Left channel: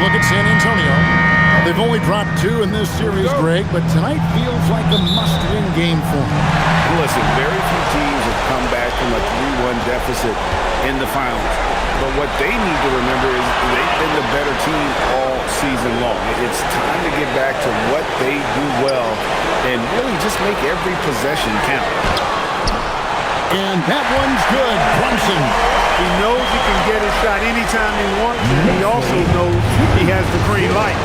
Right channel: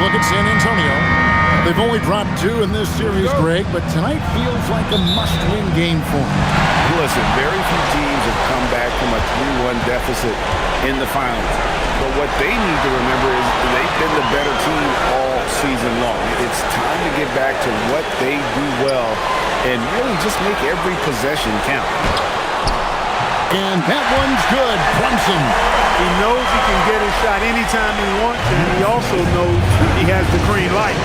look at San Antonio. They've only dropped 2 in this series, Greg, but tonight feels like a must-win game for them. Listen, very few teams have come back from a 3-1 deficit in the finals. But what they need to remember is they've been the better team all season long. It's time to get back to what they do well and really just make every possession count. And that one's good. Brunson. He knows he can get his shot anytime he wants, and he also knows he has the green light.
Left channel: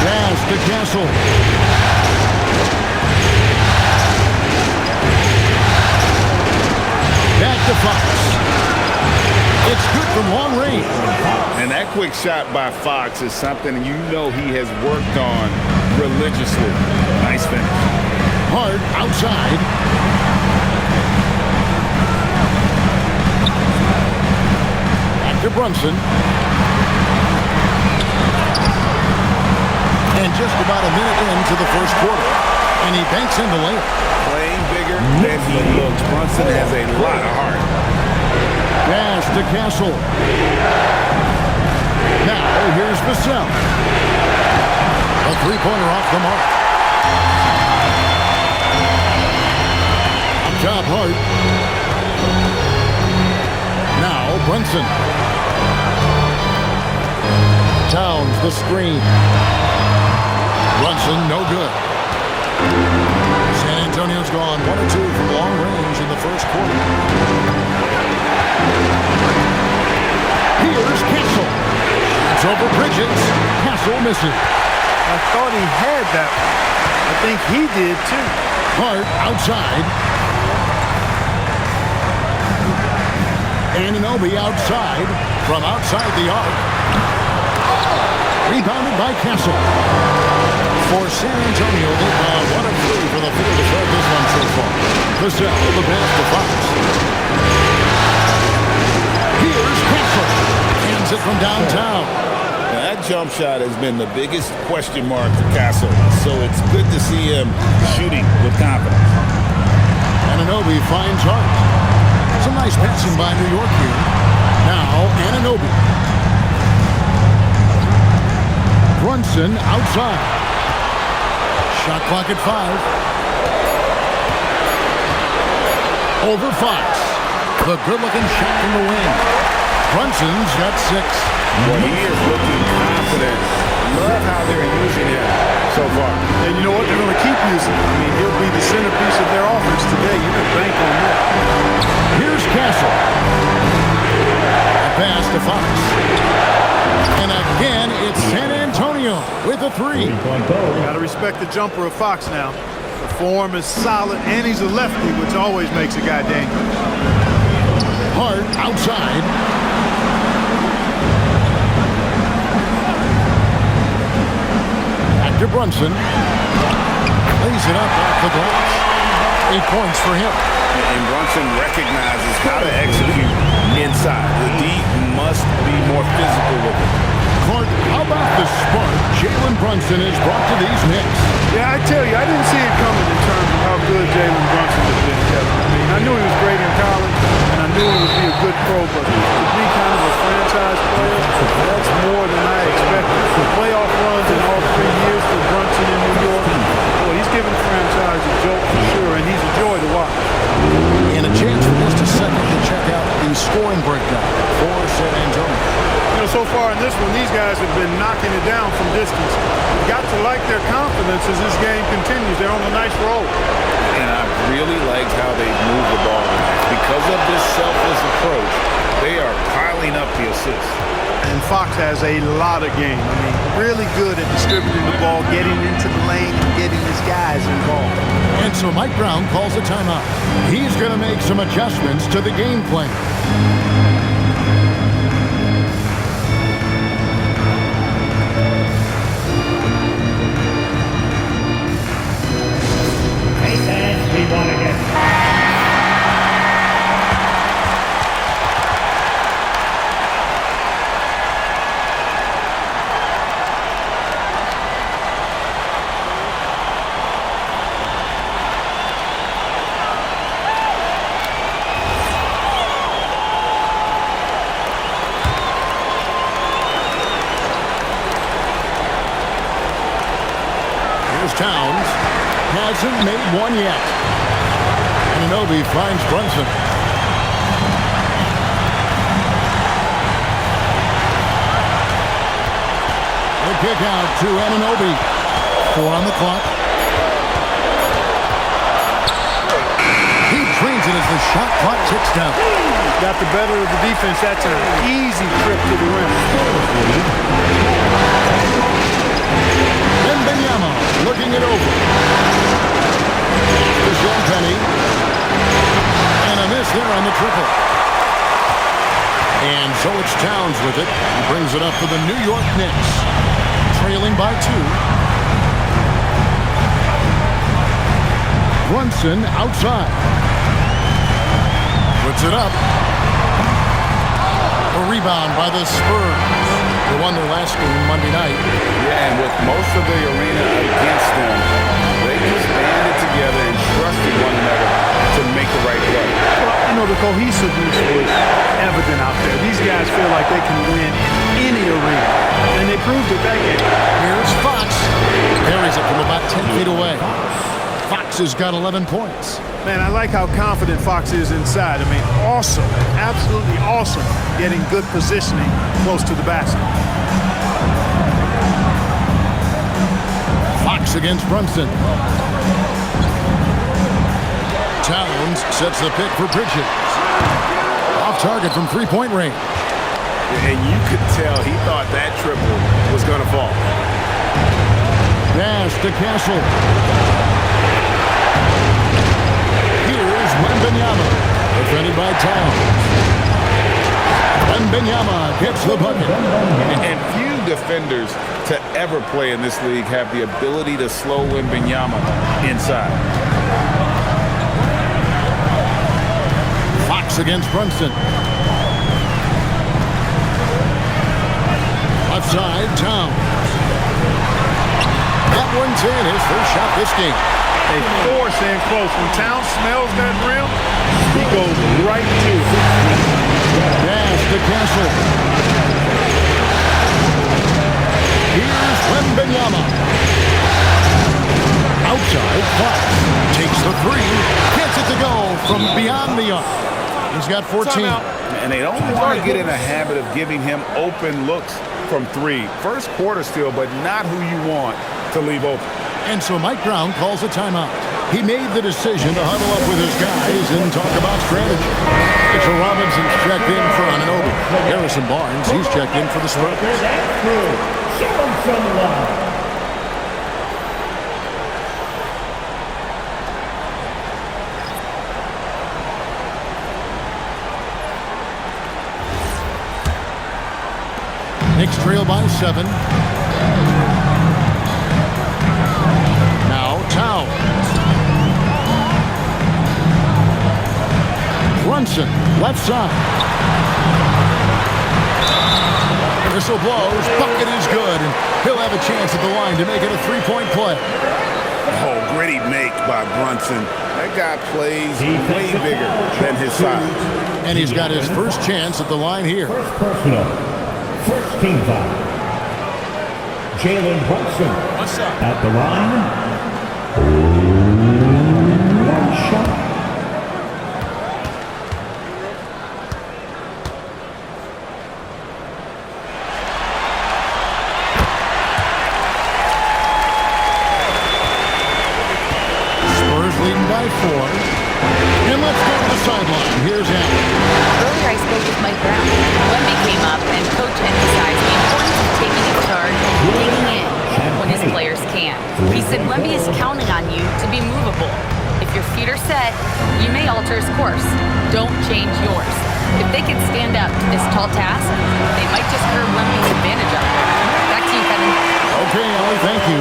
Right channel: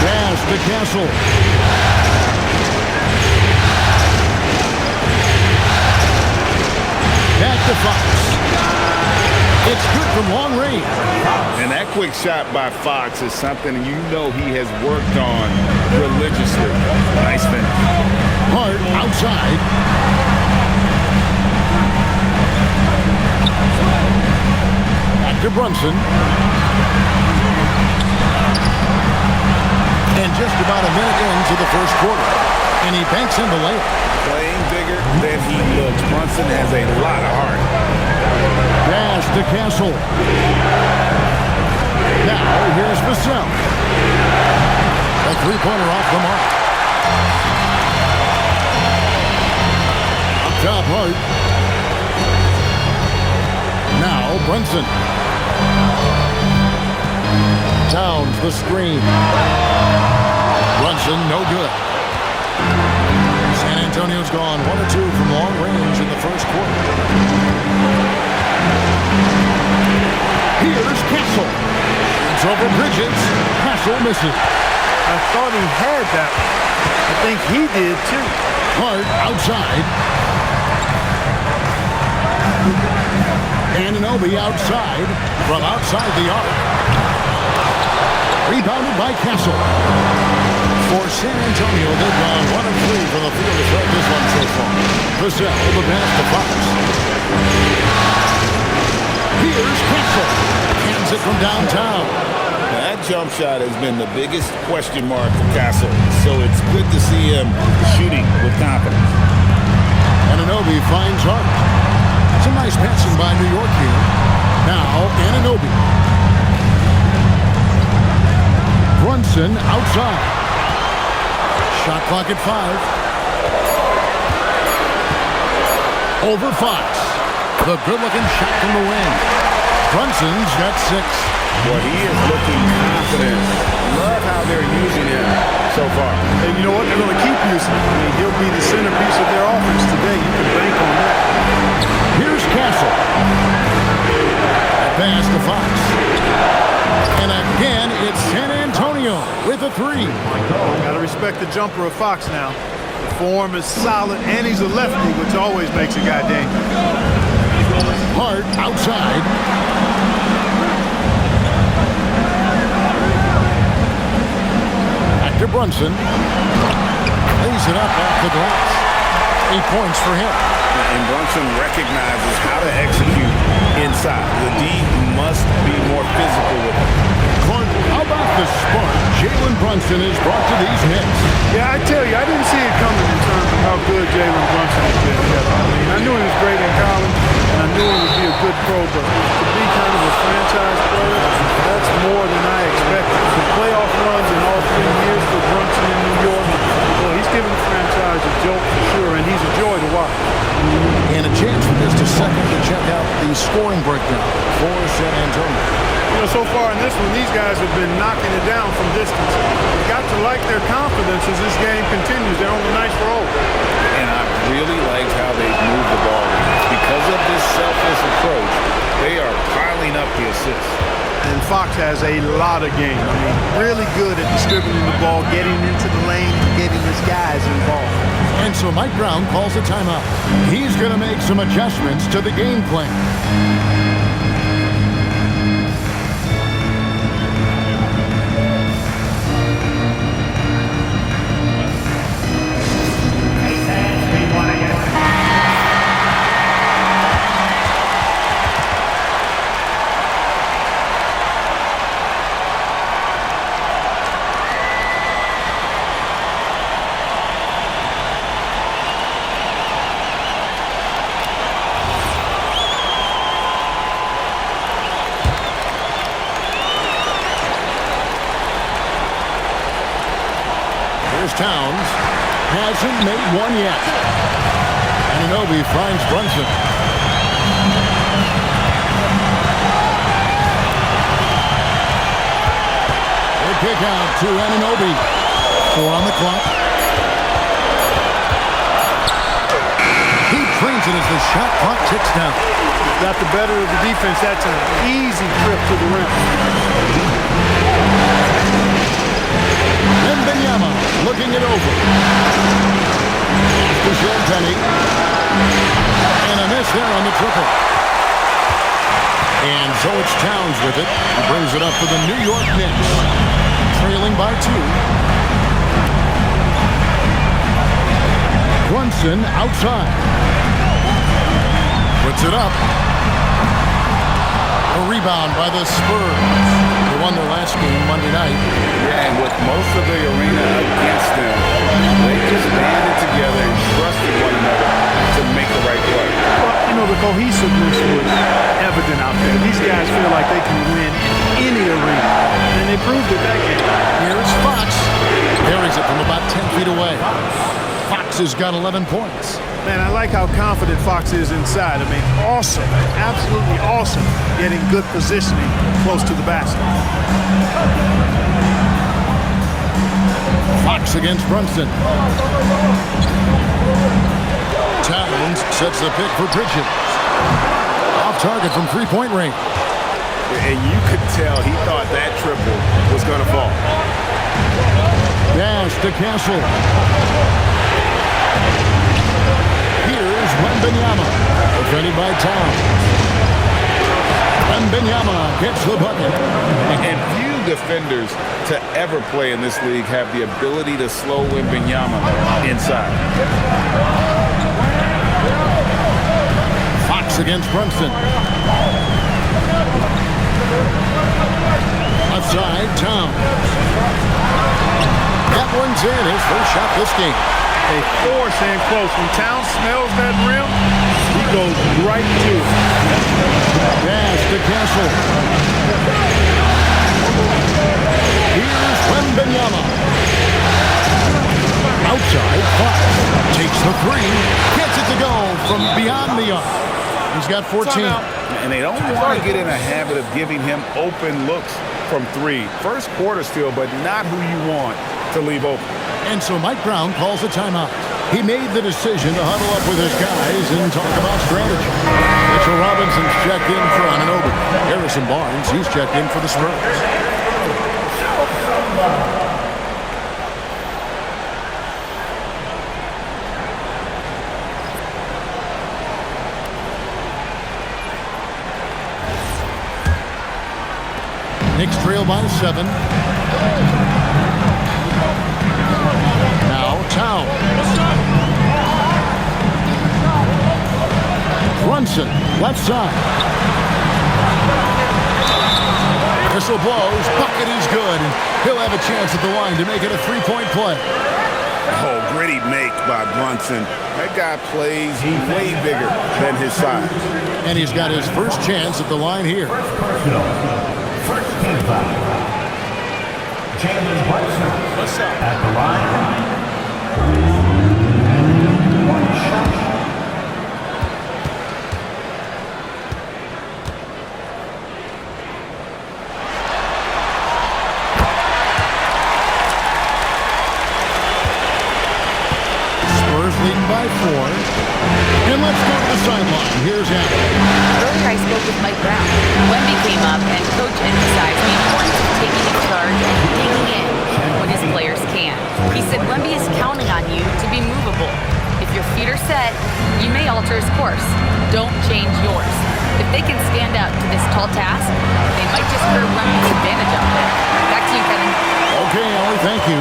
Pass to Castle. Back to Fox. It's good from long range. And that quick shot by Fox is something you know he has worked on religiously. Nice finish. Hart outside. Back to Brunson. And just about a minute into the first quarter. And he banks in the layup. Playing bigger than he looks. Brunson has a lot of heart. Pass to Castle. Now here's Vassell. A three-pointer off the mark. Up top, Hart. Now Brunson. Towns the screen. Brunson no good. San Antonio's gone 1 or 2 from long range in the first quarter. Here's Castle. Shoots over Bridges. Castle misses. I thought he had that one. I think he did too. Hart outside. Anunoby outside. From outside the arc. Rebounded by Castle. For San Antonio, they've gone 1 of 3 from the field to start this one so far. Vassell, the pass to Fox. Here's Castle. Hands it from downtown. Now, that jump shot has been the biggest question mark for Castle, so it's good to see him shooting with confidence. Anunoby finds Hart. Some nice passing by New York here. Now, Anunoby. Brunson outside. Shot clock at 5. Over Fox. The good-looking shot from the wing. Brunson's got 6. Well, he is looking confident. Love how they're using him so far. And you know what? They're going to keep using him. I mean, he'll be the centerpiece of their offense today. You can bank on that. Here's Castle. A pass to Fox. And again, it's San Antonio with a 3. Got to respect the jumper of Fox now. The form is solid, and he's a lefty, which always makes a guy dangerous. Hart outside. Back to Brunson. Lays it up off the glass. 8 points for him. And Brunson recognizes how to execute inside. The D must be more physical with him. Clark, how about the spark Jalen Brunson has brought to these Knicks? Yeah, I tell you, I didn't see it coming in terms of how good Jalen Brunson has been, Kevin. I mean, I knew he was great in college, and I knew he would be a good pro, but to be kind of a franchise player, that's more than I expected. Playoff runs in all 3 years for Brunson in New York. Boy, he's given the franchise a jolt for sure, and he's a joy to watch. And a chance for just a second to check out the scoring breakdown for San Antonio. You know, so far in this one, these guys have been knocking it down from distance. You've got to like their confidence as this game continues. They're on a nice roll. And I really liked how they've moved the ball tonight. Because of this selfless approach, they are piling up the assists. And Fox has a lot of game. I mean, really good at distributing the ball, getting into the lane, and getting his guys involved. And so Mike Brown calls a timeout. He's going to make some adjustments to the game plan. Here's Towns. Hasn't made one yet. Anunoby finds Brunson. The kick out to Anunoby. 4 on the clock. He drains it as the shot clock ticks down. Got the better of the defense that time. Easy trip to the rim. Wembanyama looking it over. To Sean Penny. And a miss there on the triple. And so it's Towns with it. He brings it up for the New York Knicks. Trailing by 2. Brunson outside. Puts it up. A rebound by the Spurs. They won their last game Monday night. Yeah, and with most of the arena against them, they just banded together and trusted one another to make the right play. Well, you know, the cohesiveness was evident out there. These guys feel like they can win in any arena, and they proved it that game. Here's Fox. Carries it from about 10 feet away. Fox has got 11 points. Man, I like how confident Fox is inside. I mean, awesome, absolutely awesome, getting good positioning close to the basket. Fox against Brunson. Towns sets the pick for Bridges. Off target from three-point range. And you could tell he thought that triple was going to fall. Pass to Castle. Here's Wembanyama. Defended by Towns. Wembanyama gets the bucket. And few defenders to ever play in this league have the ability to slow Wembanyama inside. Fox against Brunson. Left side, Towns. That one's in. His first shot this game. They force in close. When Towns smells that rim, he goes right to it. Pass to Castle. Here's Wembanyama. Outside, Fox takes the 3. Gets it to go from beyond the arc. He's got 14. And they don't want to get in a habit of giving him open looks from 3. First quarter still, but not who you want to leave open. And so Mike Brown calls a timeout. He made the decision to huddle up with his guys and talk about strategy. Mitchell Robinson's checked in for Anunoby. Harrison Barnes, he's checked in for the Spurs. Knicks trail by 7. Now Towns. Brunson, left side. Whistle blows, bucket is good, and he'll have a chance at the line to make it a 3-point play. Oh, gritty make by Brunson. That guy plays way bigger than his size. And he's got his first chance at the line here. Personal. First team foul. Jalen Brunson. What's up? At the line. 1 shot. Spurs leading by 4. And let's go to the sideline. Here's Allen. Earlier I spoke with Mike Brown. Wemby came up and Coach emphasized the importance of taking a charge and digging in when his players can. He said Wemby is counting on you to be movable. If your feet are set, you may alter his course. Don't change yours. If they can stand up to this tall task, they might just curb Wemby's advantage out there. Back to you, Kevin. Okay, Ellie, thank you.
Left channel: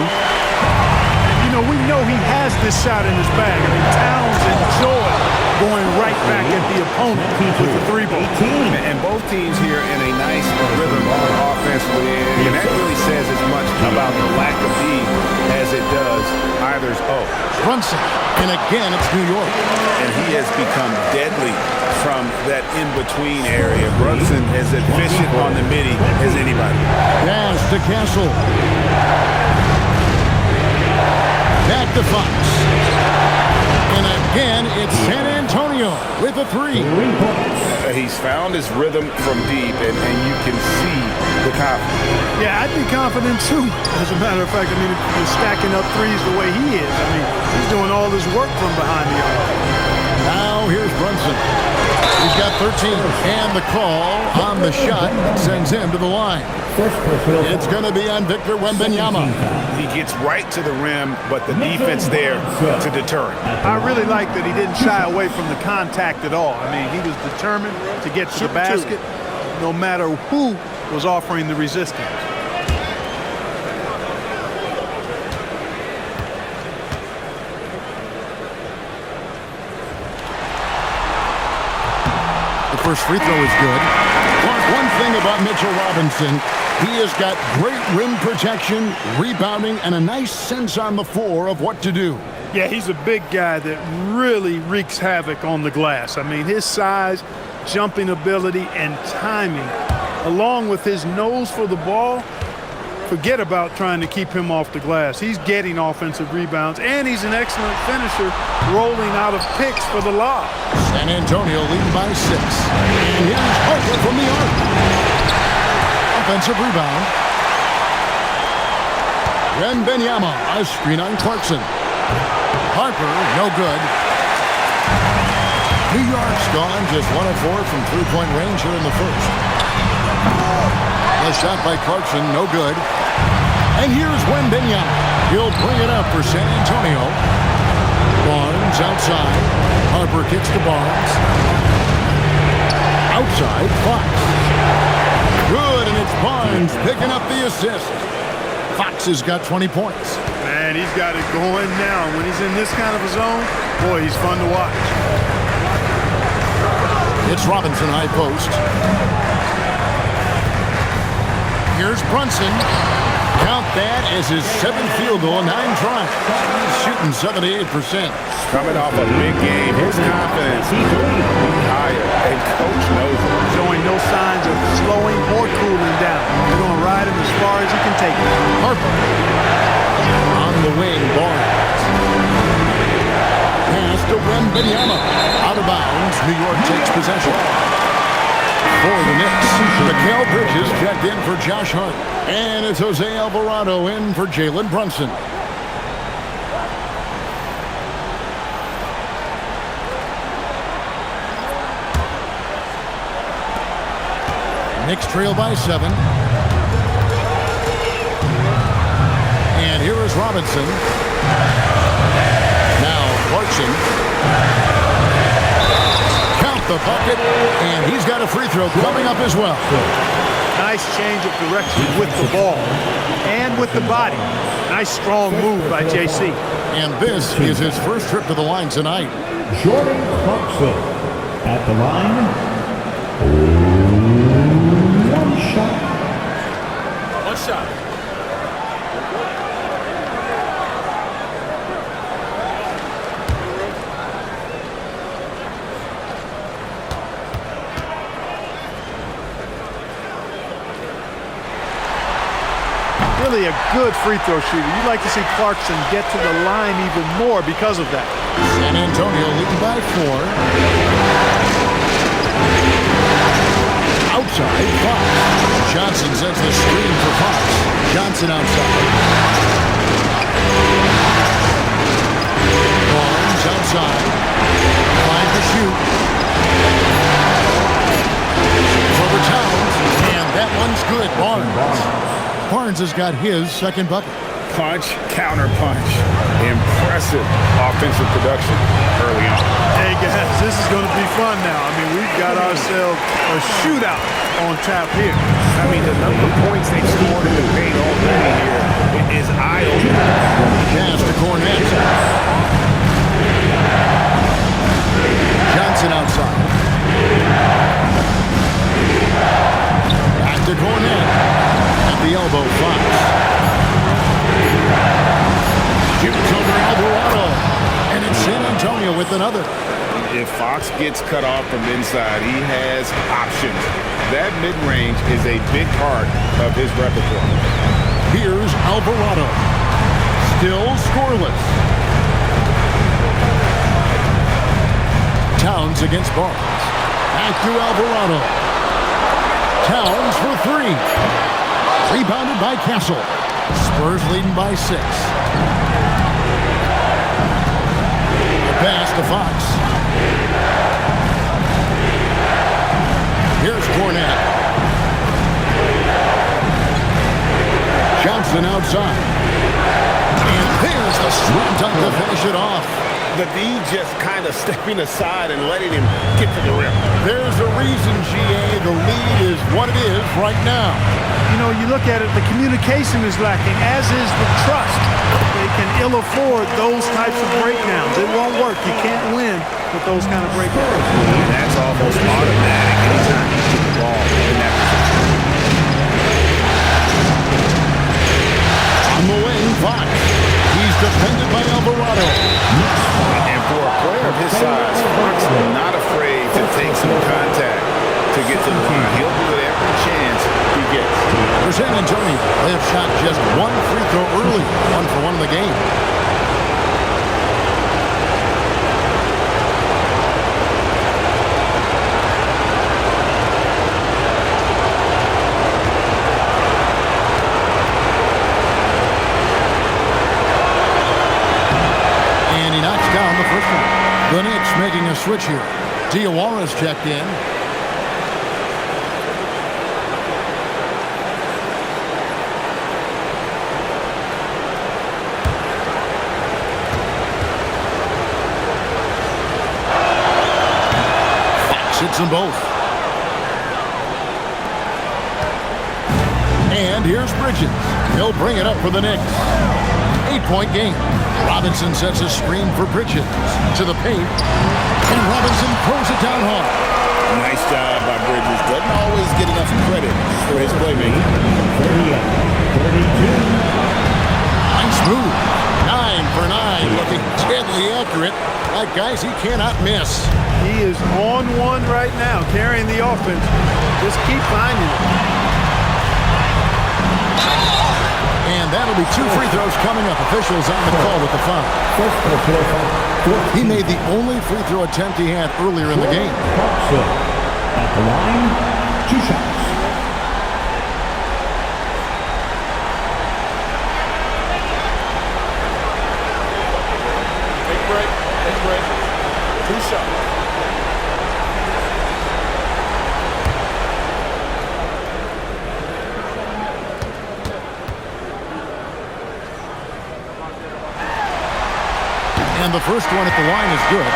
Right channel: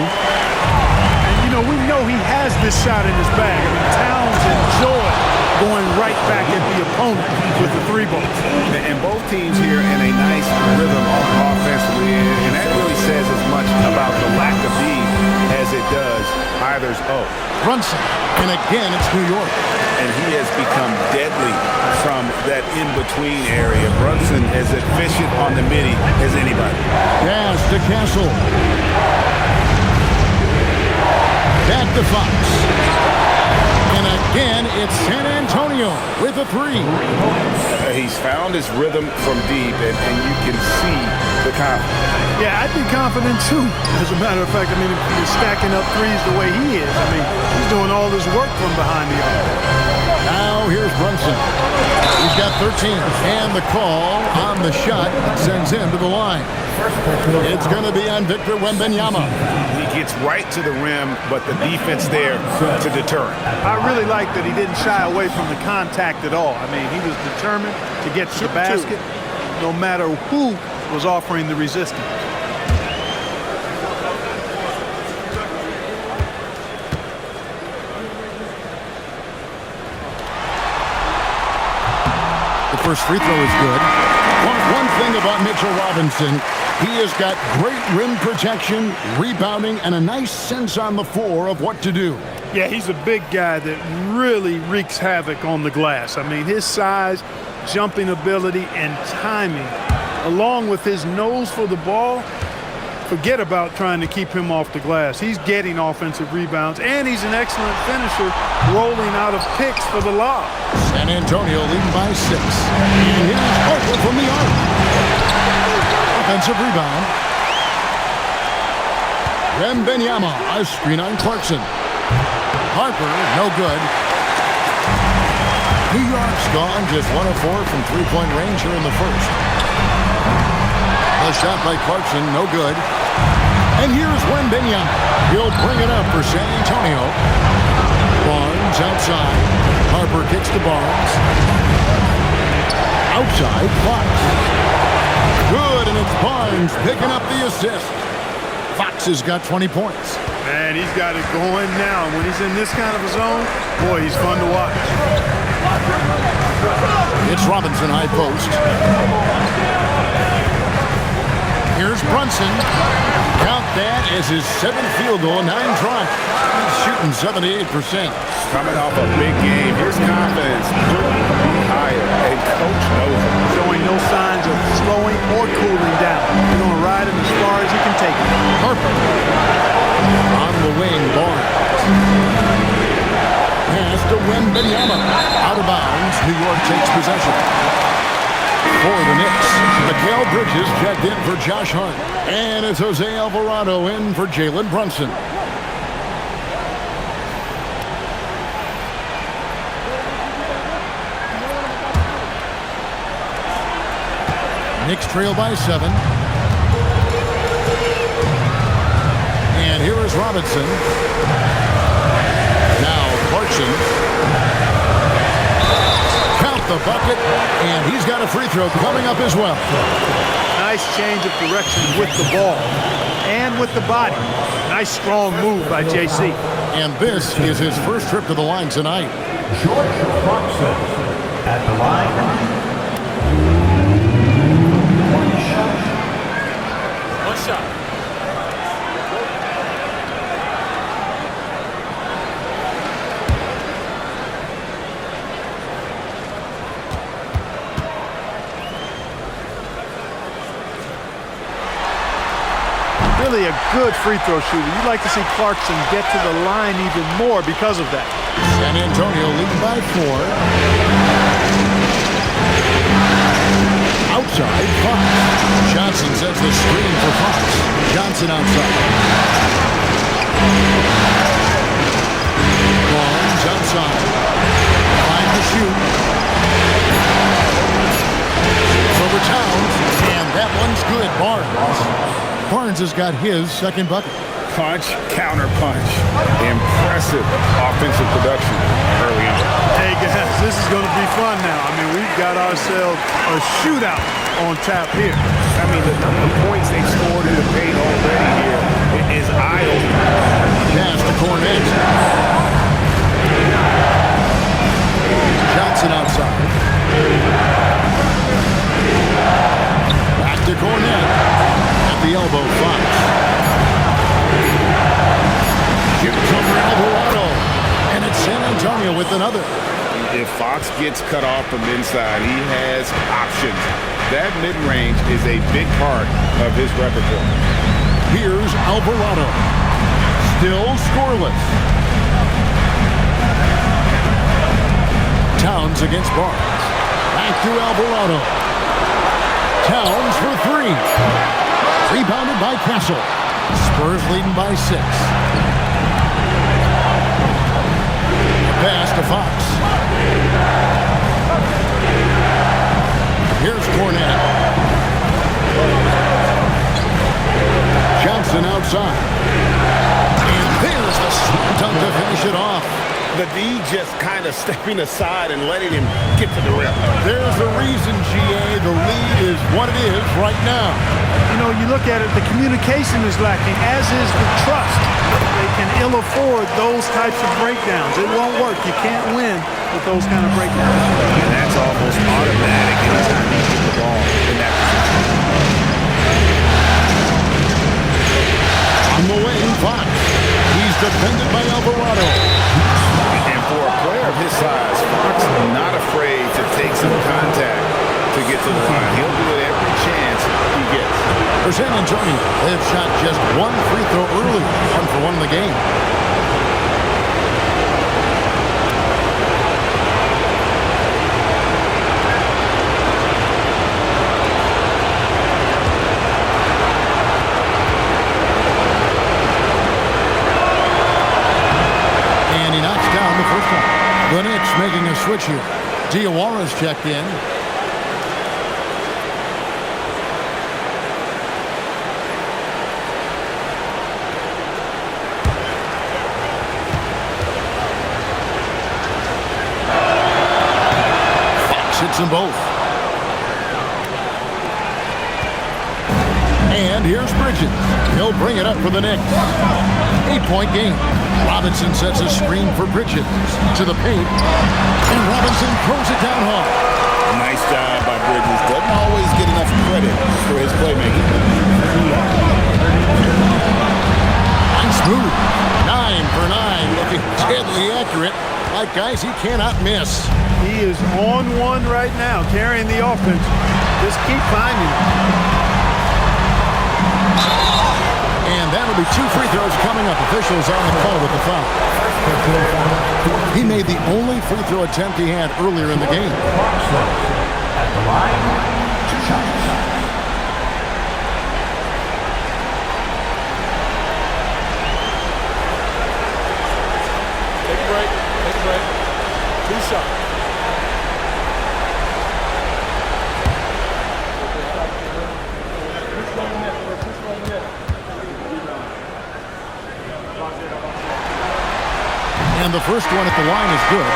You know, we know he has this shot in his bag. I mean, Towns enjoyed going right back at the opponent with the 3-ball. And both teams here in a nice rhythm offensively, and that really says as much about the lack of D as it does either's O. Brunson, and again, it's New York. And he has become deadly from that in-between area. Brunson as efficient on the midi as anybody. Pass to Castle. Back to Fox. And again, it's San Antonio with a 3. He's found his rhythm from deep, and you can see the confidence. Yeah, I'd be confident too. As a matter of fact, I mean, if you're stacking up threes the way he is, I mean, he's doing all this work from behind the arc. Now here's Brunson. He's got 13. And the call on the shot sends him to the line. It's going to be on Victor Wembanyama. He gets right to the rim, but the defense there to deter him. I really like that he didn't shy away from the contact at all. I mean, he was determined to get to the basket no matter who was offering the resistance. The first free throw is good. One thing about Mitchell Robinson, he has got great rim protection, rebounding, and a nice sense on the floor of what to do. Yeah, he's a big guy that really wreaks havoc on the glass. I mean, his size, jumping ability, and timing, along with his nose for the ball, forget about trying to keep him off the glass. He's getting offensive rebounds, and he's an excellent finisher, rolling out of picks for the lob. San Antonio leading by 6. And here's Harper from the arc. Offensive rebound. Wembanyama, a screen on Clarkson. Harper, no good. New York's gone just 1 of 4 from three-point range here in the first. The shot by Clarkson, no good. And here's Wembanyama. He'll bring it up for San Antonio. Barnes outside. Harper kicks to Barnes. Outside, Fox. Good, and it's Barnes picking up the assist. Fox has got 20 points. Man, he's got it going now. When he's in this kind of a zone, boy, he's fun to watch. It's Robinson high post. Here's Brunson. Count that as his 7th field goal, 9 tries. He's shooting 78%. Coming off a big game, his confidence couldn't be higher, and coach knows it. Showing no signs of slowing or cooling down. They're going to ride him as far as he can take it. Harper. On the wing, Barnes. Pass to Wembanyama. Out of bounds, New York takes possession. For the Knicks, Mikal Bridges checked in for Josh Hart. And it's Jose Alvarado in for Jalen Brunson. Knicks trail by 7. And here is Robinson. Now Clarkson. Count the bucket, and he's got a free throw coming up as well. Nice change of direction with the ball and with the body. Nice strong move by JC. And this is his first trip to the line tonight. Jordan Clarkson at the line. 1 shot. 1 shot. Really a good free throw shooter. You'd like to see Clarkson get to the line even more because of that. San Antonio leading by 4. Outside, Fox. Johnson sets the screen for Fox. Johnson outside. Barnes outside. 5 to shoot. It's over Towns, and that one's good. Barnes has got his second bucket. Punch, counter punch. Impressive offensive production early on. Hey guys, this is going to be fun now. I mean, we've got ourselves a shootout on tap here. I mean, the number of points they've scored in the paint already here is eye-opening. Pass to Cornet. Johnson outside. Back to Cornet. At the elbow, Fox. Shoots over Alvarado. And it's San Antonio with another. If Fox gets cut off from inside, he has options. That mid-range is a big part of his repertoire. Here's Alvarado. Still scoreless. Towns against Barnes. Back to Alvarado. Towns for three. Rebounded by Castle. Spurs leading by 6. A pass to Fox. Here's Cornette. Johnson outside. And there's the slam dunk to finish it off. The D just kind of stepping aside and letting him get to the rim. There's a reason, GA. The lead is what it is right now. You know, you look at it, the communication is lacking, as is the trust. They can ill afford those types of breakdowns. It won't work. You can't win with those kind of breakdowns. And that's almost automatic anytime you get the ball in that position. On the wing, Fox. He's defended by Alvarado. And for a player of his size, Fox not afraid to take some contact to get to the line. He'll do it every chance he gets. For San Antonio, they have shot just one free throw early, 1 for 1 in the game. And he knocks down the first one. The Knicks making a switch here. Diawara's checked in. Hits them both. And here's Bridges. He'll bring it up for the Knicks. 8-point game. Robinson sets a screen for Bridges. To the paint. And Robinson throws it down hard. Nice job by Bridges. Doesn't always get enough credit for his playmaking. Nice move. 9 for 9. Looking deadly accurate. Like guys he cannot miss. He is on one right now, carrying the offense. Just keep finding him. And that'll be 2 free throws coming up. Officials on the call with the foul. He made the only free throw attempt he had earlier in the game. At the line, 2 shots. Take a break. Take a break. 2 shots. And the first one at the line is good.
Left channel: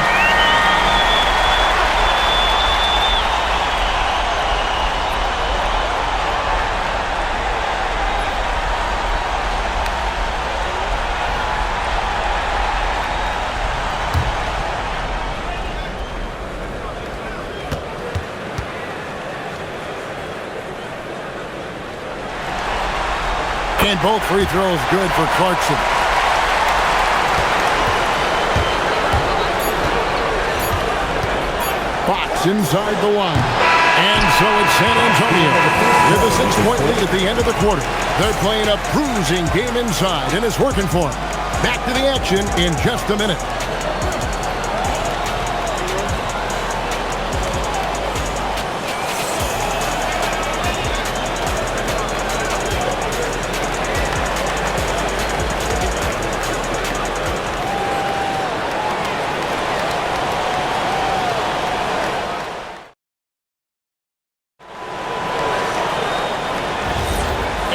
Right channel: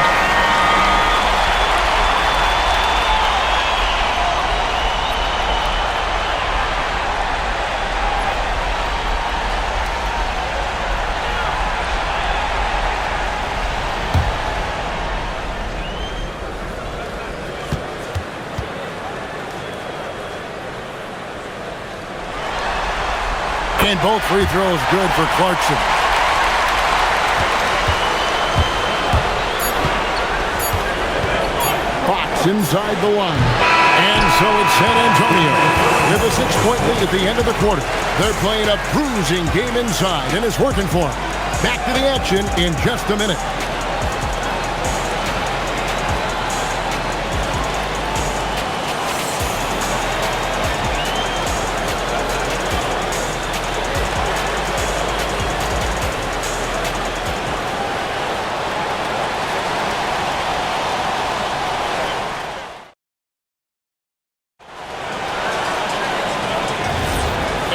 And both free throws good for Clarkson. Fox inside the line. And so it's San Antonio with a 6-point lead at the end of the quarter. They're playing a bruising game inside, and it's working for them. Back to the action in just a minute.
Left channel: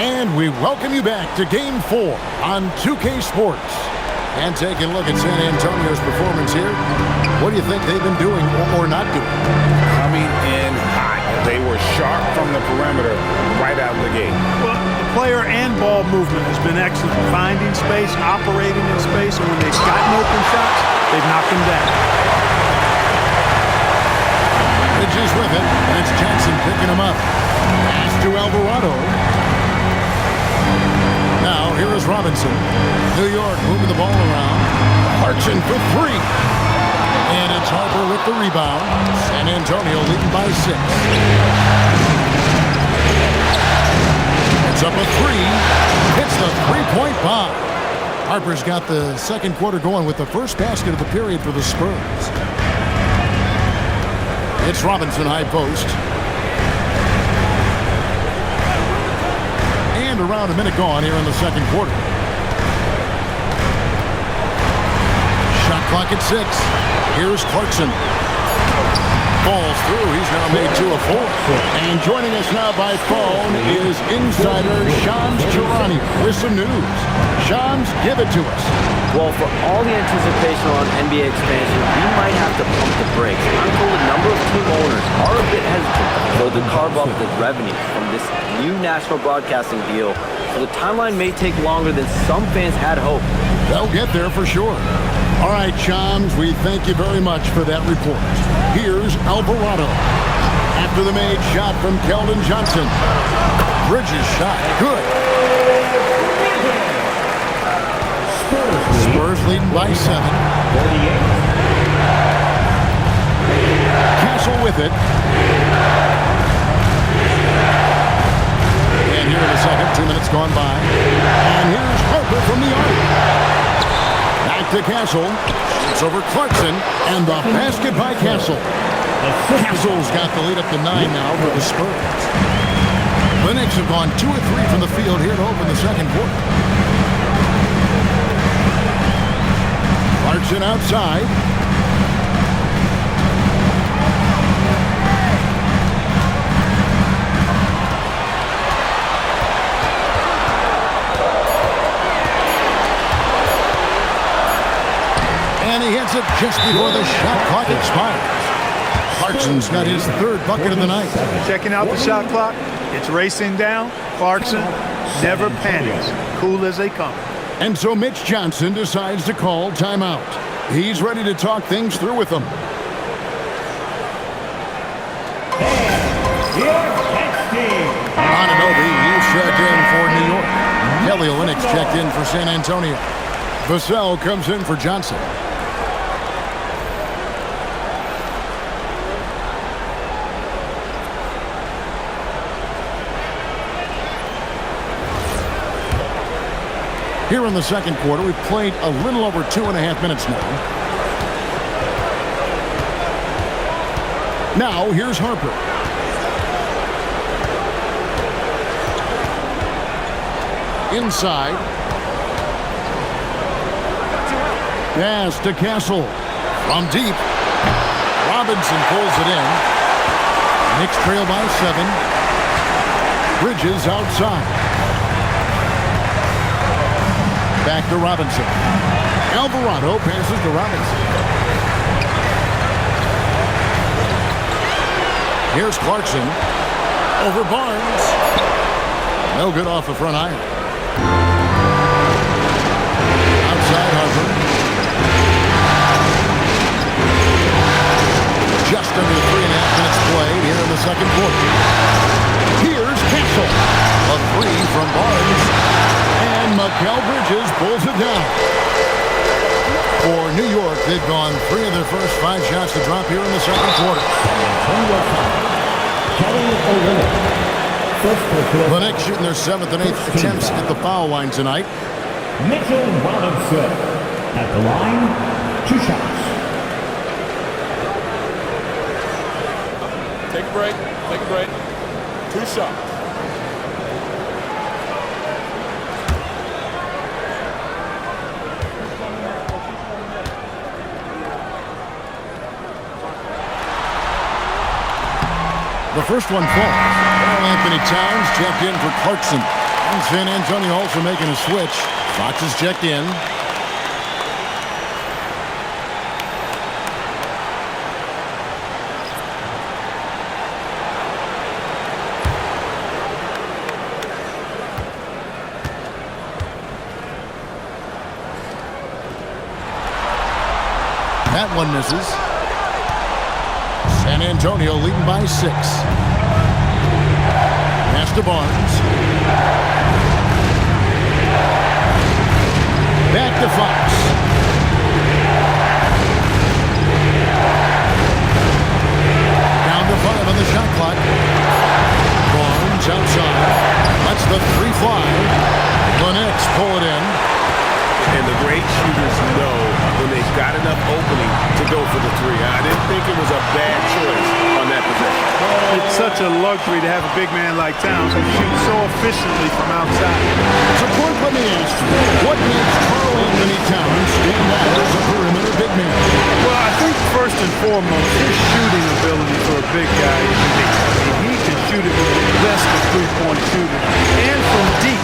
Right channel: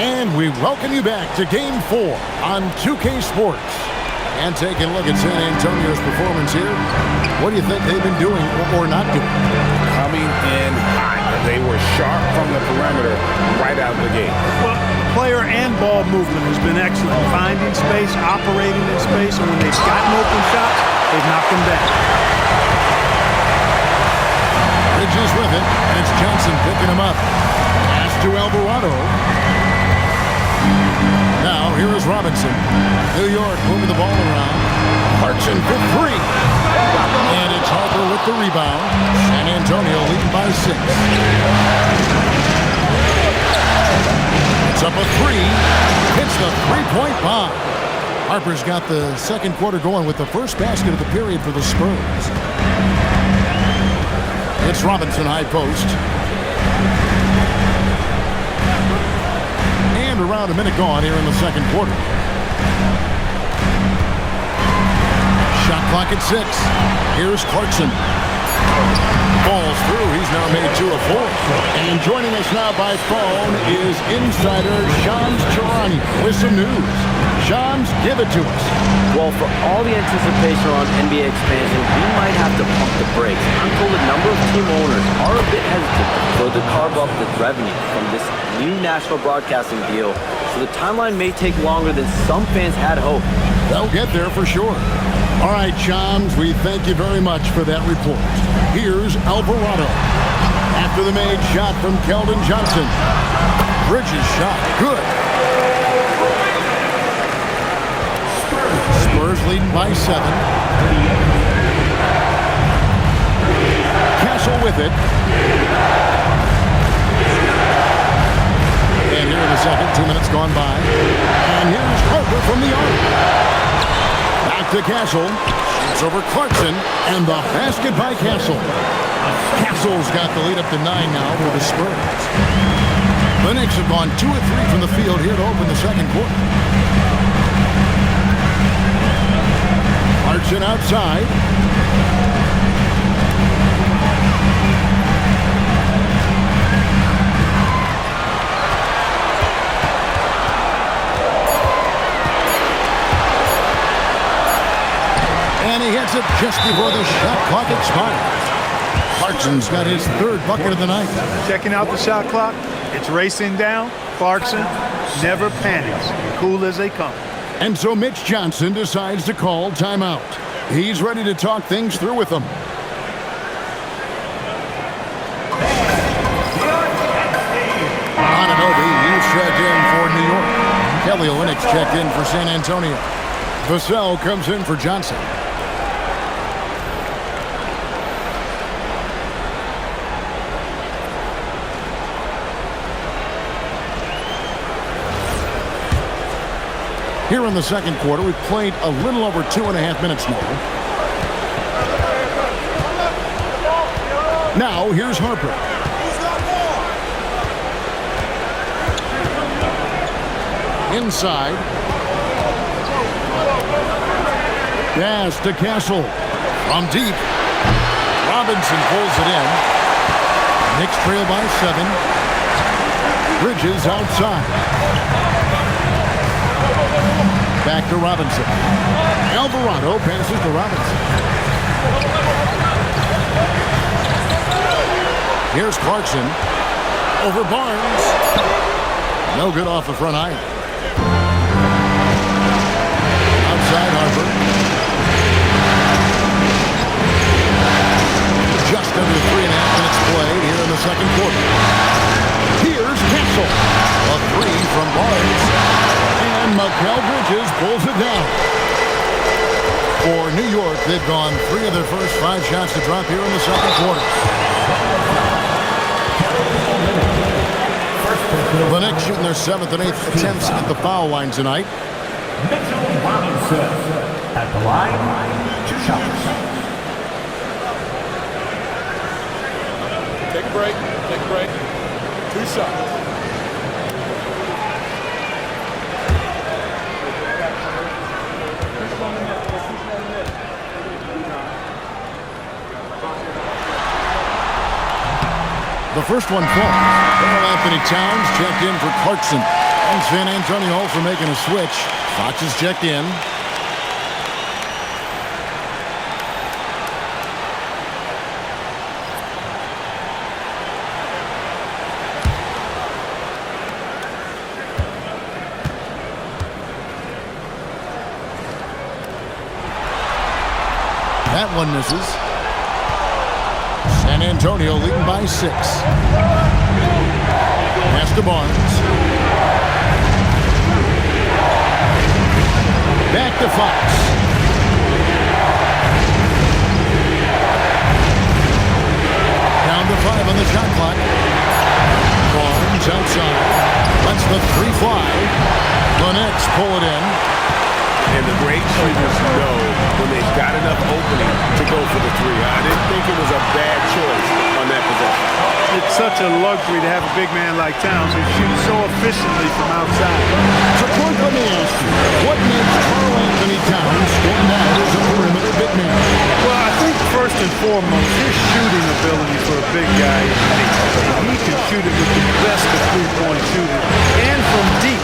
And we welcome you back to Game 4 on 2K Sports. And taking a look at San Antonio's performance here, what do you think they've been doing or not doing? Coming in hot. They were sharp from the perimeter right out of the gate. Well, the player and ball movement has been excellent. Finding space, operating in space, and when they've gotten open shots, they've knocked them down. Bridges with it, and it's Johnson picking him up. Pass to Alvarado. Now, here is Robinson. New York moving the ball around. Clarkson for 3. And it's Harper with the rebound. San Antonio leading by 6. It's up a 3. Hits the 3-point bomb. Harper's got the second quarter going with the first basket of the period for the Spurs. It's Robinson high post. And around a minute gone here in the second quarter. Shot clock at 6. Here's Clarkson. Falls through. He's now made 2 of 4. And joining us now by phone is insider Shams Charania with some news. Shams, give it to us. Well, for all the anticipation around NBA expansion, we might have to pump the brakes. I'm told a number of team owners are a bit hesitant to further carve up the revenue from this new national broadcasting deal, so the timeline may take longer than some fans had hoped. They'll get there for sure. All right, Shams, we thank you very much for that report. Here's Alvarado. After the made shot from Keldon Johnson. Bridges shot. Good. Spurs leading by 7. Castle with it. And here in the second, 2 minutes gone by. And here's Harper from the arc. Back to Castle. Shoots over Clarkson. And the basket by Castle. Castle's got the lead up to 9 now for the Spurs. The Knicks have gone 2 of 3 from the field here to open the second quarter. Clarkson outside. And he hits it just before the shot clock expires. Clarkson's got his 3rd bucket of the night. Checking out the shot clock. It's racing down. Clarkson never panics. Cool as they come. And so Mitch Johnson decides to call timeout. He's ready to talk things through with them. Ananobi, he's checked in for New York. Kelly Olynyk's checked in for San Antonio. Vassell comes in for Johnson. Here in the second quarter, we've played a little over 2.5 minutes now. Now, here's Harper. Inside. Pass to Castle. From deep. Robinson pulls it in. Knicks trail by 7. Bridges outside. Back to Robinson. Alvarado passes to Robinson. Here's Clarkson. Over Barnes. No good off the front iron. Outside Harper. Just under 3.5 minutes played here in the second quarter. Here's Castle. A 3 from Barnes. And Mikal Bridges pulls it down. For New York, they've gone 3 of their first 5 shots to drop here in the second quarter. The Knicks shooting their 7th and 8th attempts at the foul line tonight. Mitchell Robinson at the line, 2 shots. Take a break. Take a break. 2 shots. The first one falls. Karl Anthony Towns checked in for Clarkson. And San Antonio also making a switch. Fox is checked in. That one misses. San Antonio leading by 6. Pass to Barnes. Back to Fox. Down to 5 on the shot clock. Barnes outside. Lets the 3 fly. The Knicks pull it in. And the great shooters know when they've got enough opening to go for the three. I didn't think it was a bad choice on that possession. It's such a luxury to have a big man like Towns who shoots so efficiently from outside. So, Court, let me ask you, what makes Karl Anthony Towns stand out as a perimeter big man? Well, I think first and foremost, his shooting ability for a big guy is unique. I mean, he can shoot it with the best of three-point shooting and from deep.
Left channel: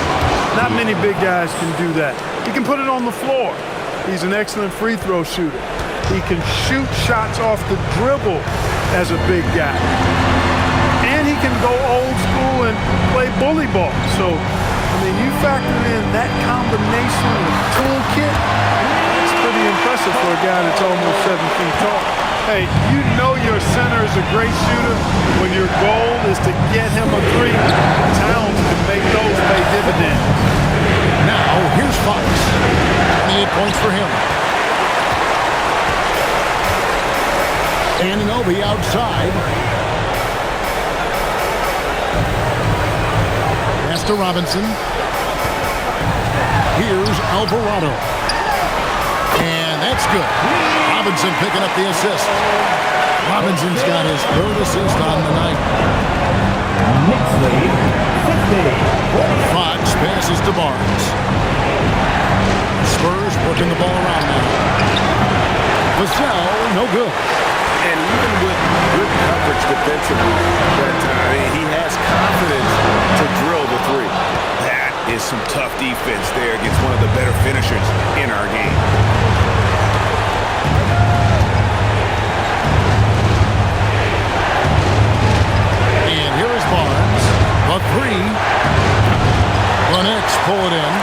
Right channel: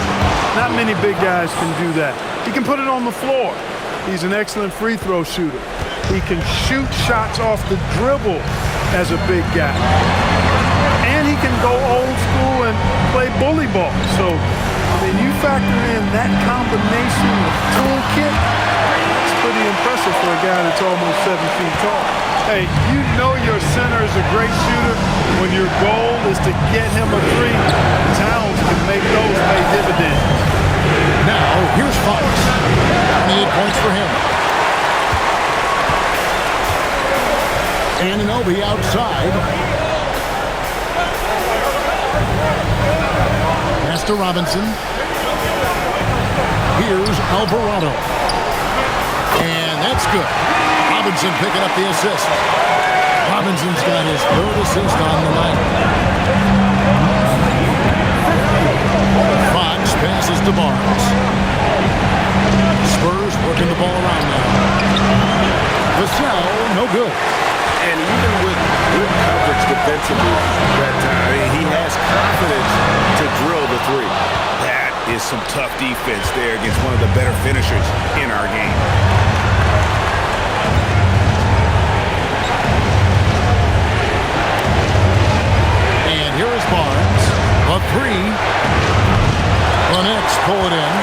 Not many big guys can do that. He can put it on the floor. He's an excellent free throw shooter. He can shoot shots off the dribble as a big guy. And he can go old school and play bully ball. So, I mean, you factor in that combination of toolkit, that's pretty impressive for a guy that's almost 7 feet tall. Hey, you know your center is a great shooter when your goal is to get him a three. Towns can make those pay dividends. Now, here's Fox. 28 points for him. Anunoby outside. Pass to Robinson. Here's Alvarado. And that's good. Robinson picking up the assist. Robinson's got his third assist on the night. Fox passes to Barnes. Spurs working the ball around now. Vassell, no good. And even with good coverage defensively that time, he has confidence to drill the three. That is some tough defense there against one of the better finishers in our game. And here is Barnes. The three. The Knicks pull it in.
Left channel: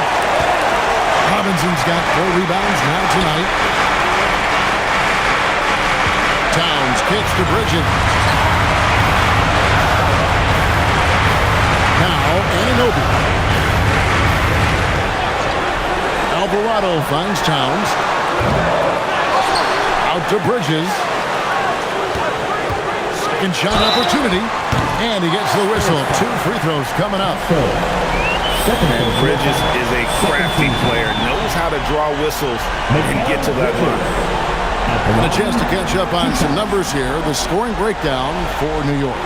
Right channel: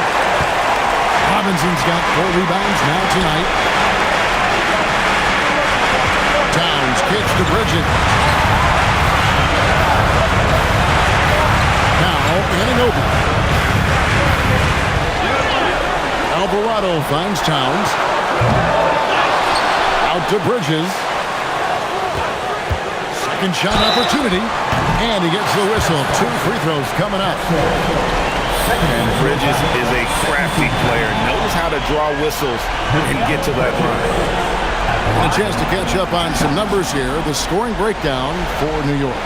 Robinson's got 4 rebounds now tonight. Towns kicks to Bridges. Now Anunoby. Alvarado finds Towns. Out to Bridges. Second shot opportunity. And he gets the whistle. 2 free throws coming up. And Bridges is a crafty player. Knows how to draw whistles and get to that line. And a chance to catch up on some numbers here. The scoring breakdown for New York.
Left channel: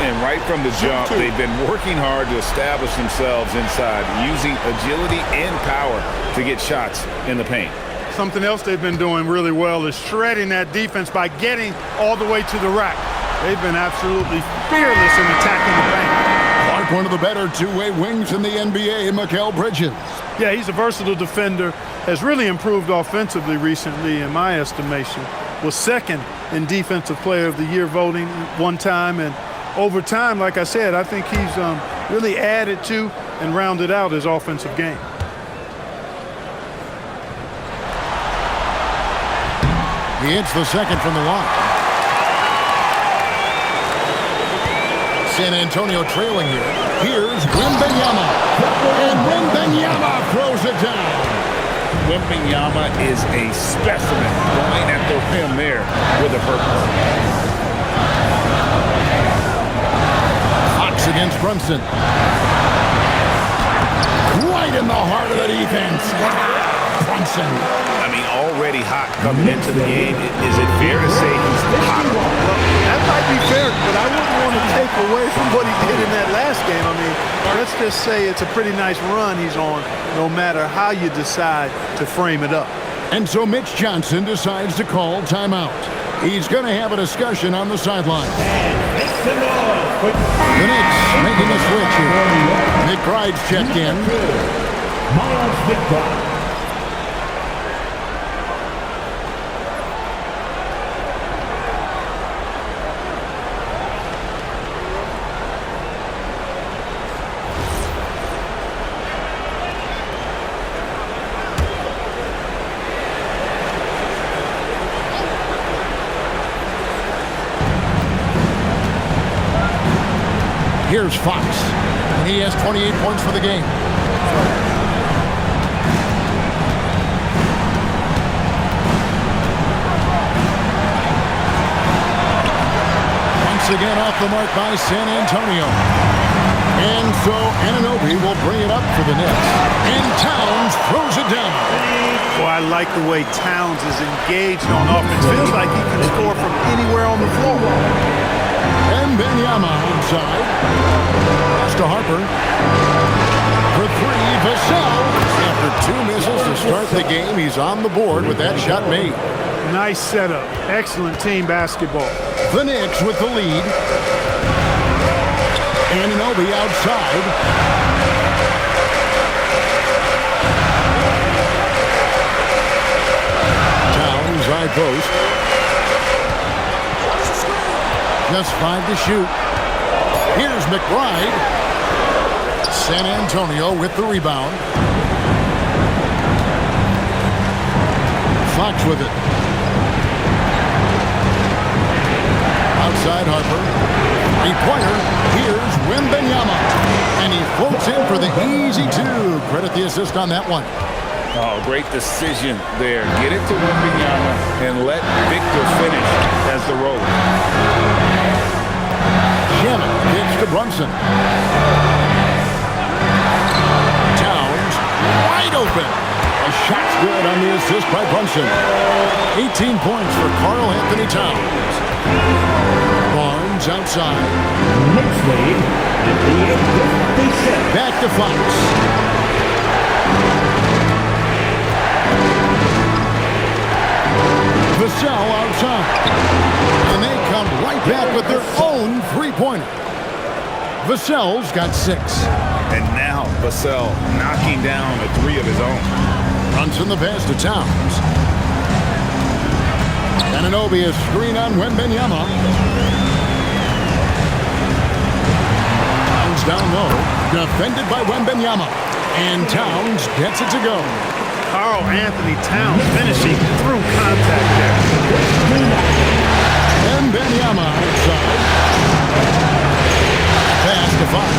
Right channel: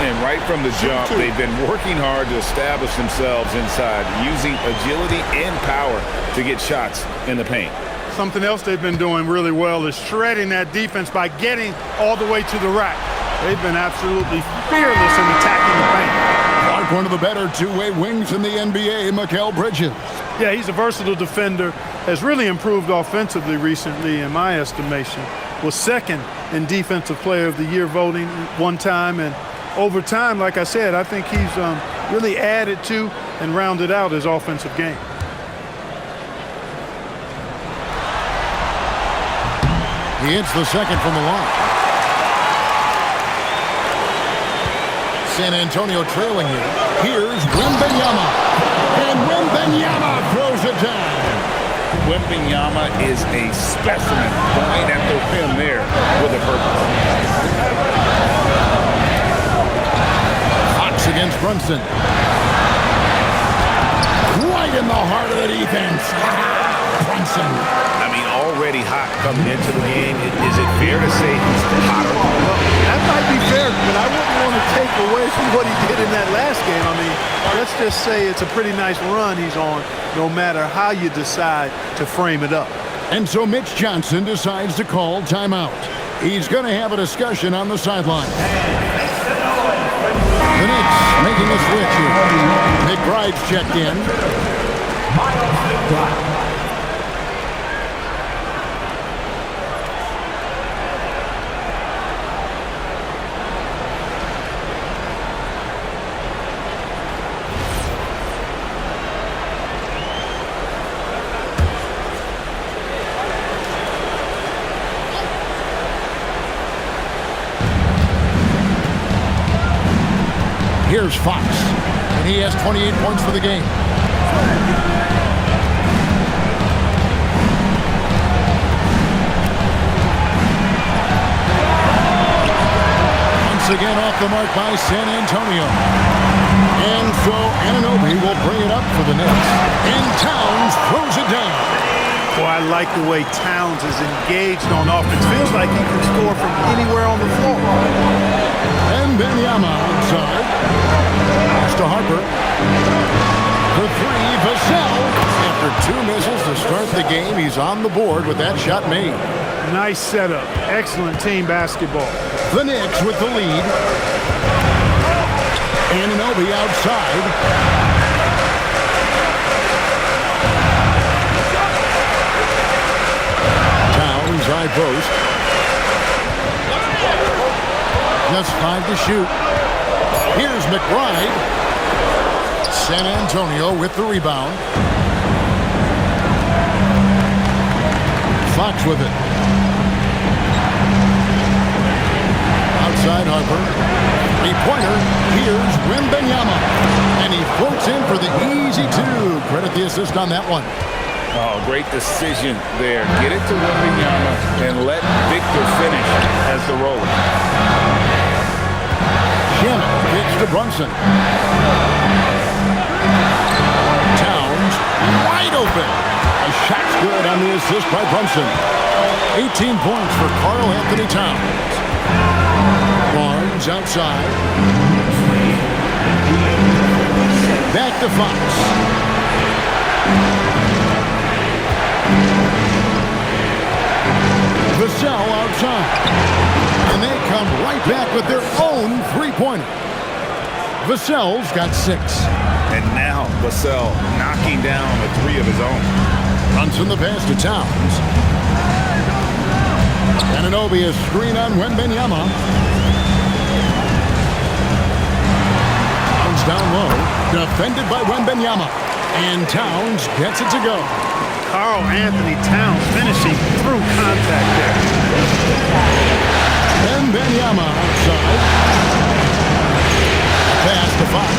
And right from the jump, they've been working hard to establish themselves inside, using agility and power to get shots in the paint. Something else they've been doing really well is shredding that defense by getting all the way to the rack. They've been absolutely fearless in attacking the paint. Clark, one of the better two-way wings in the NBA, Mikal Bridges. Yeah, he's a versatile defender, has really improved offensively recently in my estimation. Was second in Defensive Player of the Year voting one time, and over time, like I said, I think he's really added to and rounded out his offensive game. He hits the second from the line. San Antonio trailing here. Here's Wembanyama. And Wembanyama throws it down. Wembanyama is a specimen going at the rim there with a purpose. Fox against Brunson. Right in the heart of the defense. Brunson. I mean, already hot coming into the game. Is it fair to say he's hotter? Well, that might be fair, but I wouldn't want to take away from what he did in that last game. I mean, let's just say it's a pretty nice run he's on, no matter how you decide to frame it up. And so Mitch Johnson decides to call timeout. He's going to have a discussion on the sideline. The Knicks making a switch here. McBride's checked in. Miles McBride. Here's Fox, and he has 28 points for the game. Once again off the mark by San Antonio. And so Anunoby will bring it up for the Knicks. And Towns throws it down. Boy, I like the way Towns is engaged on offense. Feels like he can score from anywhere on the floor. And Benyama outside. Pass to Harper. For three, Vassell. After 2 misses to start the game, he's on the board with that shot made. Nice setup. Excellent team basketball. The Knicks with the lead. Anunoby outside. Towns high post. Just 5 to shoot. Here's McBride. San Antonio with the rebound. Fox with it. Outside Harper. Three-pointer. Here's Wembanyama. And he floats in for the easy 2. Credit the assist on that one. Oh, great decision there. Get it to Wembanyama and let Victor finish as the roller. Shannon kicks to Brunson. Towns wide open. A shot's good on the assist by Brunson. 18 points for Karl Anthony Towns. Barnes outside. Knicks lead, 58-56. Back to Fox. Vassell outside. And they come right back with their own three-pointer. Vassell's got 6. And now Vassell knocking down a 3 of his own. Brunson the pass to Towns. Anunoby a screen on Wembanyama. Towns down low. Defended by Wembanyama. And Towns gets it to go. Karl Anthony Towns finishing through contact there. Wembanyama outside. Pass to Fox.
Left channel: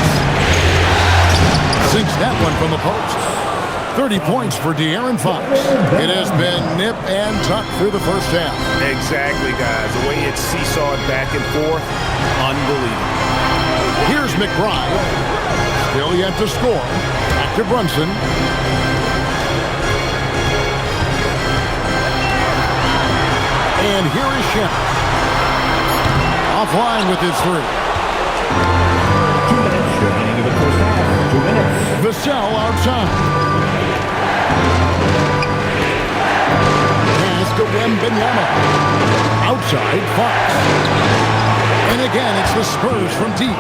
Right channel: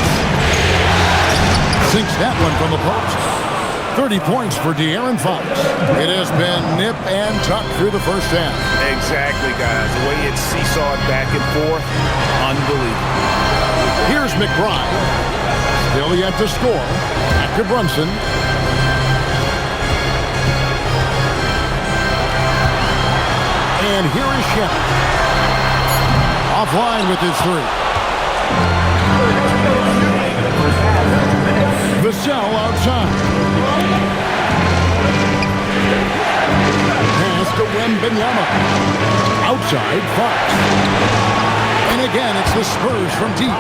Sinks that one from the post. 30 points for De'Aaron Fox. It has been nip and tuck through the first half. Exactly, guys. The way it's seesawed back and forth, unbelievable. Here's McBride. Still yet to score. Back to Brunson. And here is Shannon. Offline with his 3. Vassell outside. Pass to Wembanyama. Outside, Fox. And again, it's the Spurs from deep.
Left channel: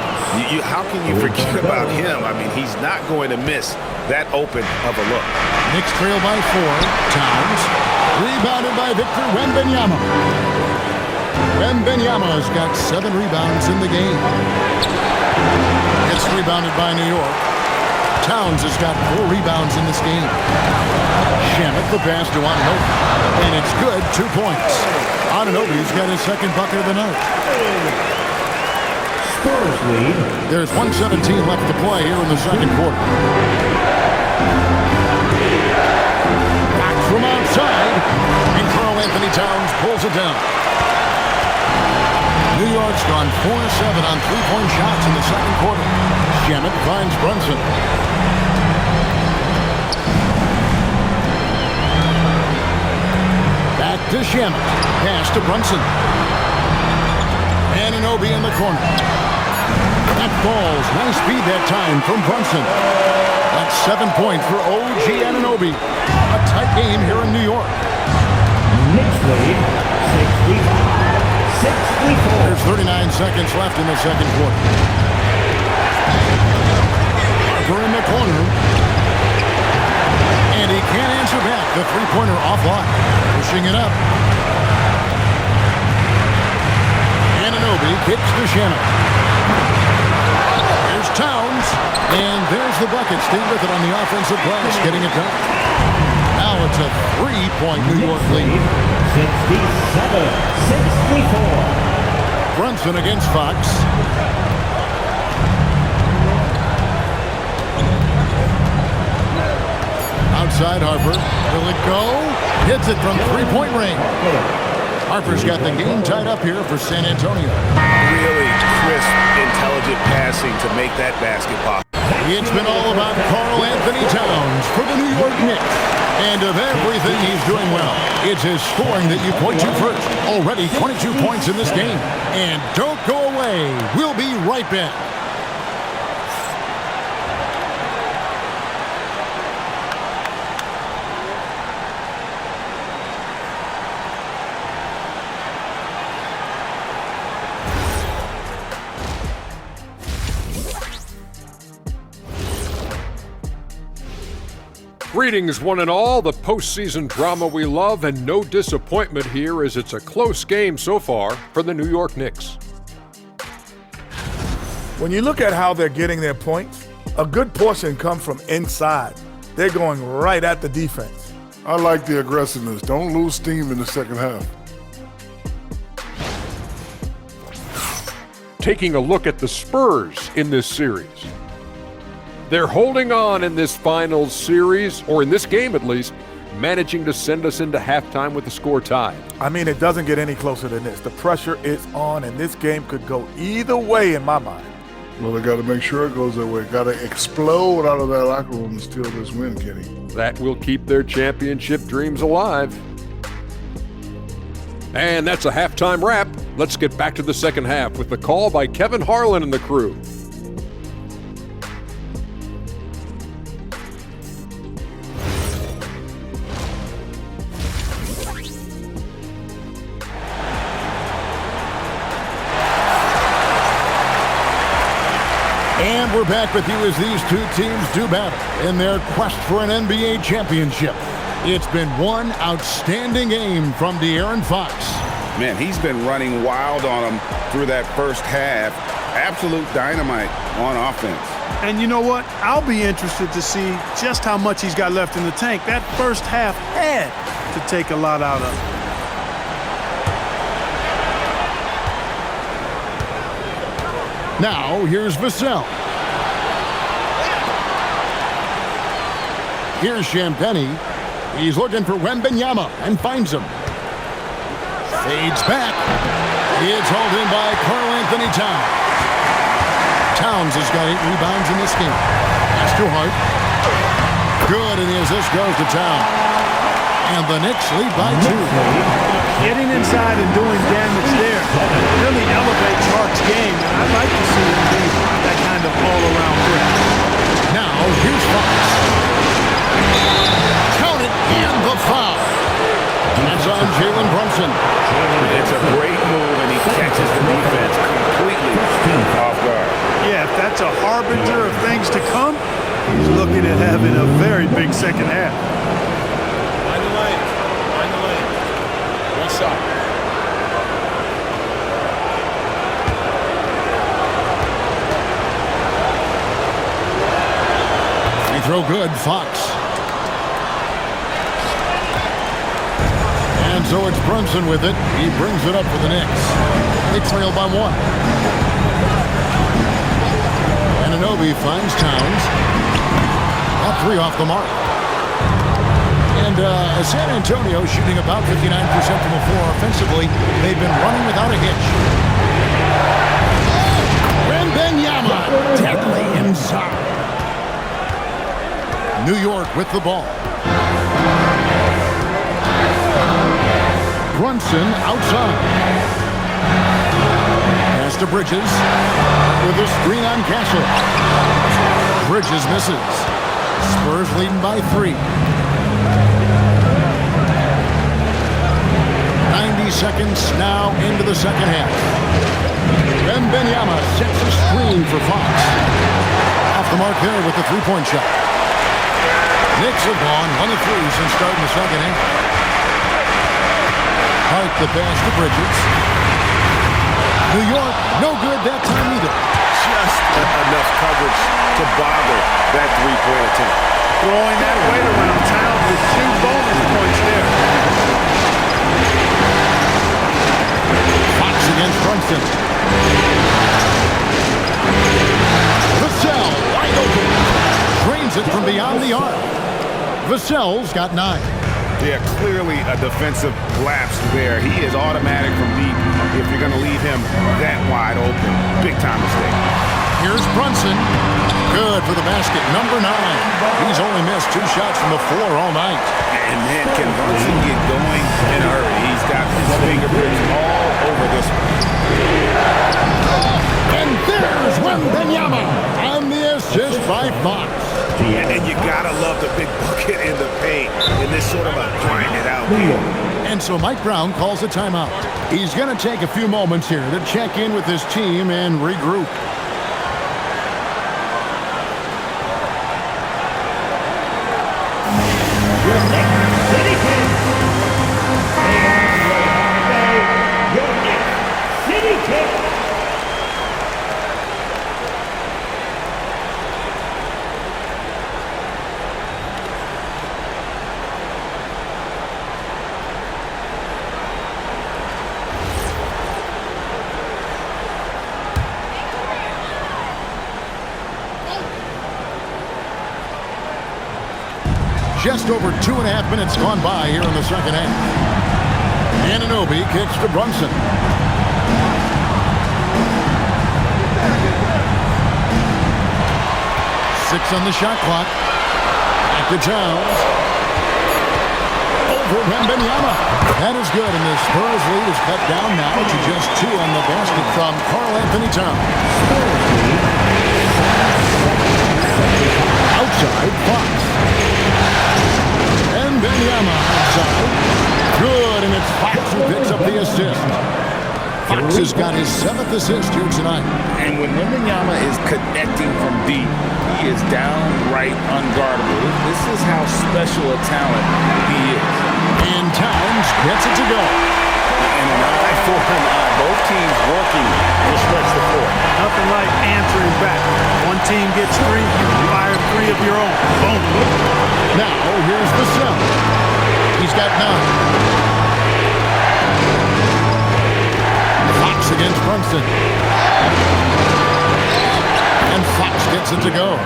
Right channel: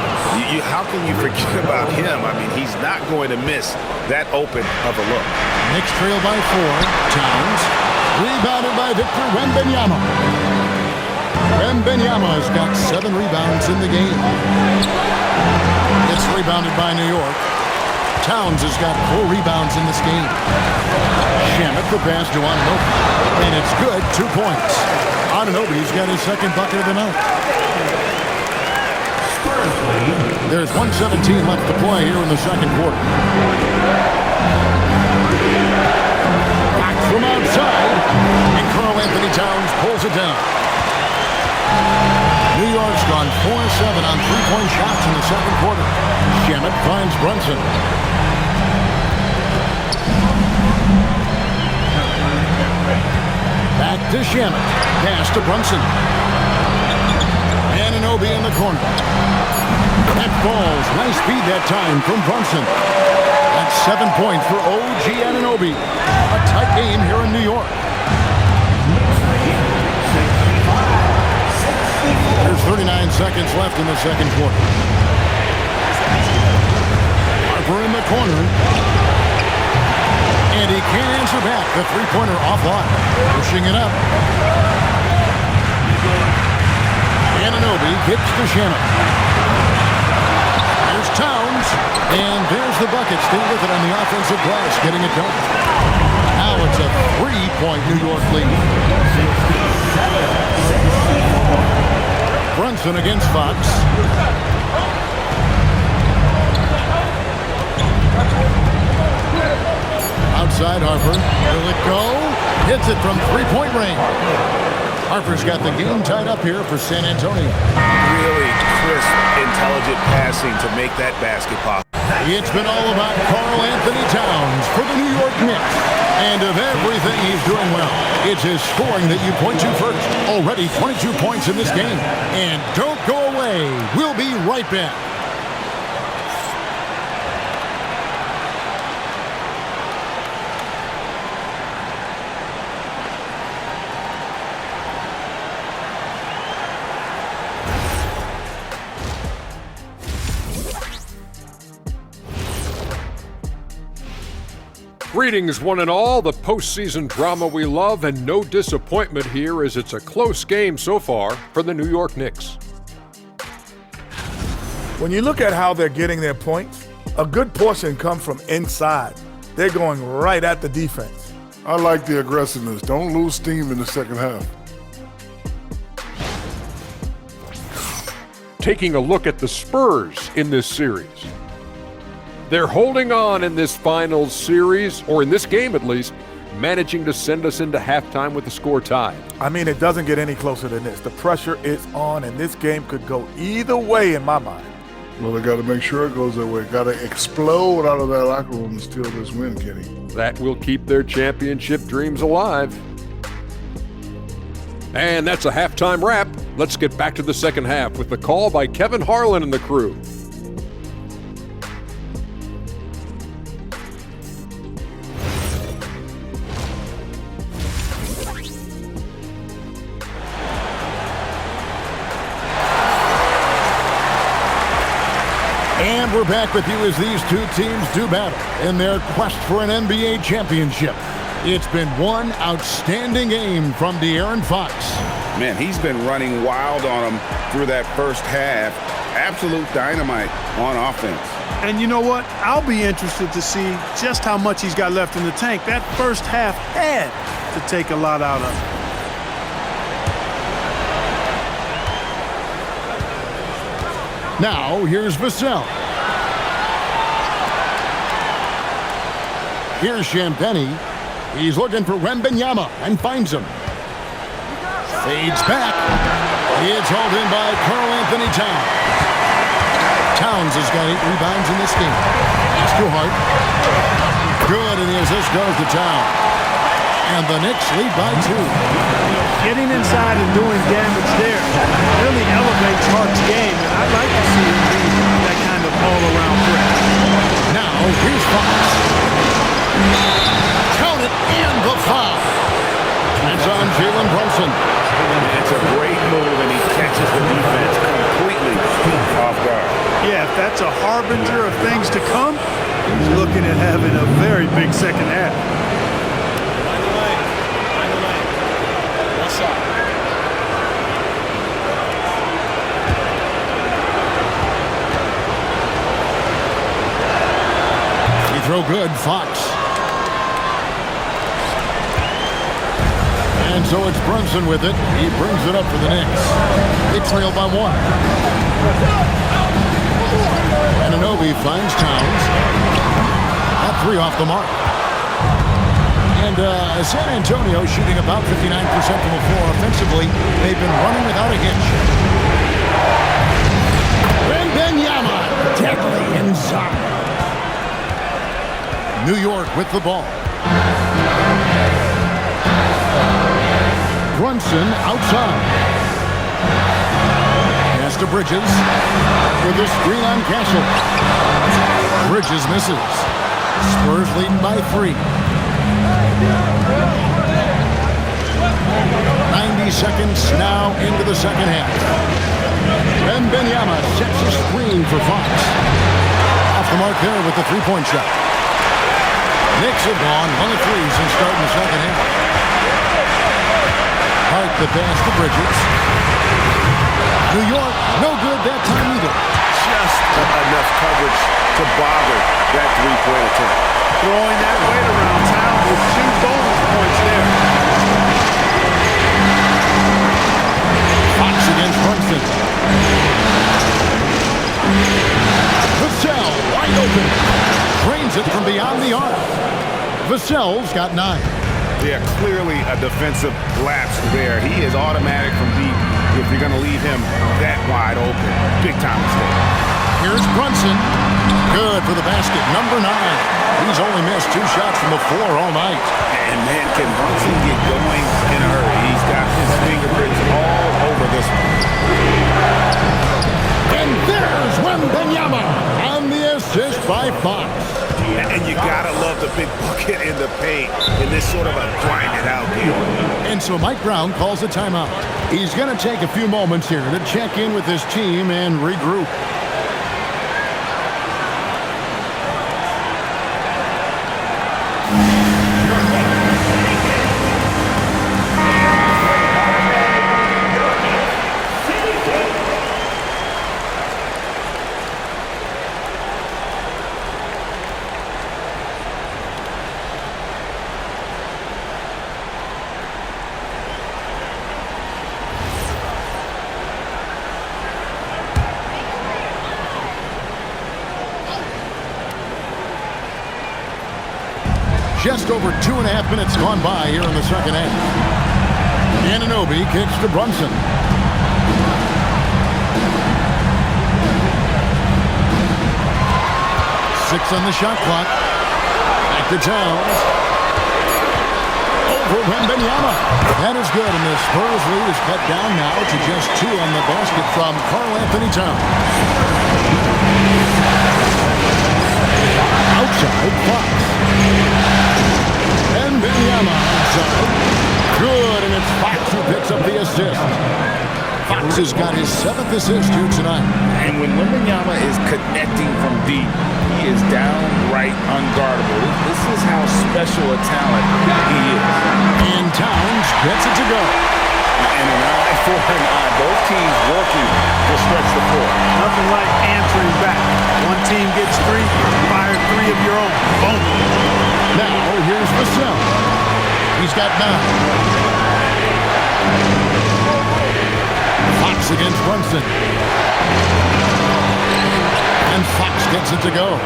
How can you forget about him? I mean, he's not going to miss that open of a look. Knicks trail by 4. Towns. Rebounded by Victor Wembanyama. Wembanyama's got 7 rebounds in the game. It's rebounded by New York. Towns has got 4 rebounds in this game. Shamet the pass to Anunoby. And it's good, 2 points. Anunoby's got his second bucket of the night. Spurs lead. There's 1:17 left to play here in the second quarter. Back from outside. And Karl Anthony Towns pulls it down. New York's gone 4-7 on 3-point shots in the second quarter. Shamet finds Brunson. Back to Shamet. Pass to Brunson. Anunoby in the corner. That falls. Nice speed that time from Brunson. That's 7 points for OG Anunoby. A tight game here in New York. Knicks lead, 65-64. There's 39 seconds left in the second quarter. Harper in the corner. And he can't answer back. The three-pointer offline. Pushing it up. Anunoby kicks to Shamet. Here's Towns. And there's the bucket. Stay with it on the offensive glass. Getting it done. Now it's a 3-point New York lead. 67-64. Brunson against Fox. Outside Harper. Will it go? Hits it from 3-point range. Harper's got the game tied up here for San Antonio. Really crisp, intelligent passing to make that basket pop. It's been all about Karl Anthony Towns for the New York Knicks. And of everything he's doing well, it's his scoring that you point to first. Already 22 points in this game. And don't go away. We'll be right back. Greetings, one and all. The postseason drama we love, and no disappointment here as it's a close game so far for the New York Knicks. When you look at how they're getting their points, a good portion comes from inside. They're going right at the defense. I like the aggressiveness. Don't lose steam in the second half. Taking a look at the Spurs in this series. They're holding on in this finals series, or in this game at least, managing to send us into halftime with the score tied. I mean, it doesn't get any closer than this. The pressure is on, and this game could go either way in my mind. Well, they got to make sure it goes that way. Got to explode out of that locker room and steal this win, Kenny. That will keep their championship dreams alive. And that's a halftime wrap. Let's get back to the second half with the call by Kevin Harlan and the crew. And we're back with you as these two teams do battle in their quest for an NBA championship. It's been one outstanding game from De'Aaron Fox. Man, he's been running wild on him through that first half. Absolute dynamite on offense. And you know what? I'll be interested to see just how much he's got left in the tank. That first half had to take a lot out of him. Now, here's Vassell. Here's Champagnie. He's looking for Wembanyama and finds him. Fades back. It's hauled in by Karl Anthony Towns. Towns has got 8 rebounds in this game. That's too hard. Good, and the assist goes to Towns. And the Knicks lead by 2. Getting inside and doing damage there really elevates Hart's game, and I'd like to see him be that kind of all-around threat. Now, here's Fox. Count it, and the foul. That's on Jalen Brunson. It's a great move, and he catches the defense completely off guard. Yeah, if that's a harbinger of things to come, he's looking at having a very big second half. Mind the lane. Mind the lane. One shot. Free throw good, Fox. And so it's Brunson with it. He brings it up for the Knicks. They trail by 1. Anunoby finds Towns. At 3 off the mark. And San Antonio shooting about 59% from the floor offensively. They've been running without a hitch. Wembanyama deadly inside. New York with the ball. Brunson outside. Pass to Bridges with a screen on Castle. Bridges misses. Spurs leading by 3. 90 seconds now into the second half. Wembanyama sets a screen for Fox. Off the mark there with the three-point shot. Knicks have gone 1 of 3 since starting the second half. Hart the pass to Bridges. New York, no good that time either. Just enough coverage to bother that three-point attempt. Throwing that weight around town with 2 bonus points there. Fox against Brunson. Vassell wide open. Drains it from beyond the arc. Vassell's got 9. Yeah, clearly a defensive lapse there. He is automatic from deep if you're going to leave him that wide open. Big time mistake. Here's Brunson. Good for the basket, number 9. He's only missed 2 shots from the floor all night. And man, can Brunson get going in a hurry? He's got his fingerprints all over this one. And there's Wembanyama on the assist by Fox. And you gotta love the big bucket in the paint in this sort of a grinded out game. And so Mike Brown calls a timeout. He's going to take a few moments here to check in with his team and regroup. Just over 2.5 minutes gone by here in the second half. Anunoby kicks to Brunson. Six on the shot clock. Back to Towns. Over Wembanyama. That is good, and the Spurs lead is cut down now to just 2 on the basket from Karl-Anthony Towns. Outside, Fox. And Wembanyama outside. Good, and it's Fox who picks up the assist. Fox has got his 7th assist here tonight. And when Wembanyama is connecting from deep, he is downright unguardable. This is how special a talent he is. And Towns gets it to go. And an eye for an eye. Both teams working to stretch the floor. Nothing like answering back. One team gets 3, you fire 3 of your own. Boom. Now, here's Vassell. He's got 9. Fox against Brunson. And Fox gets it to go.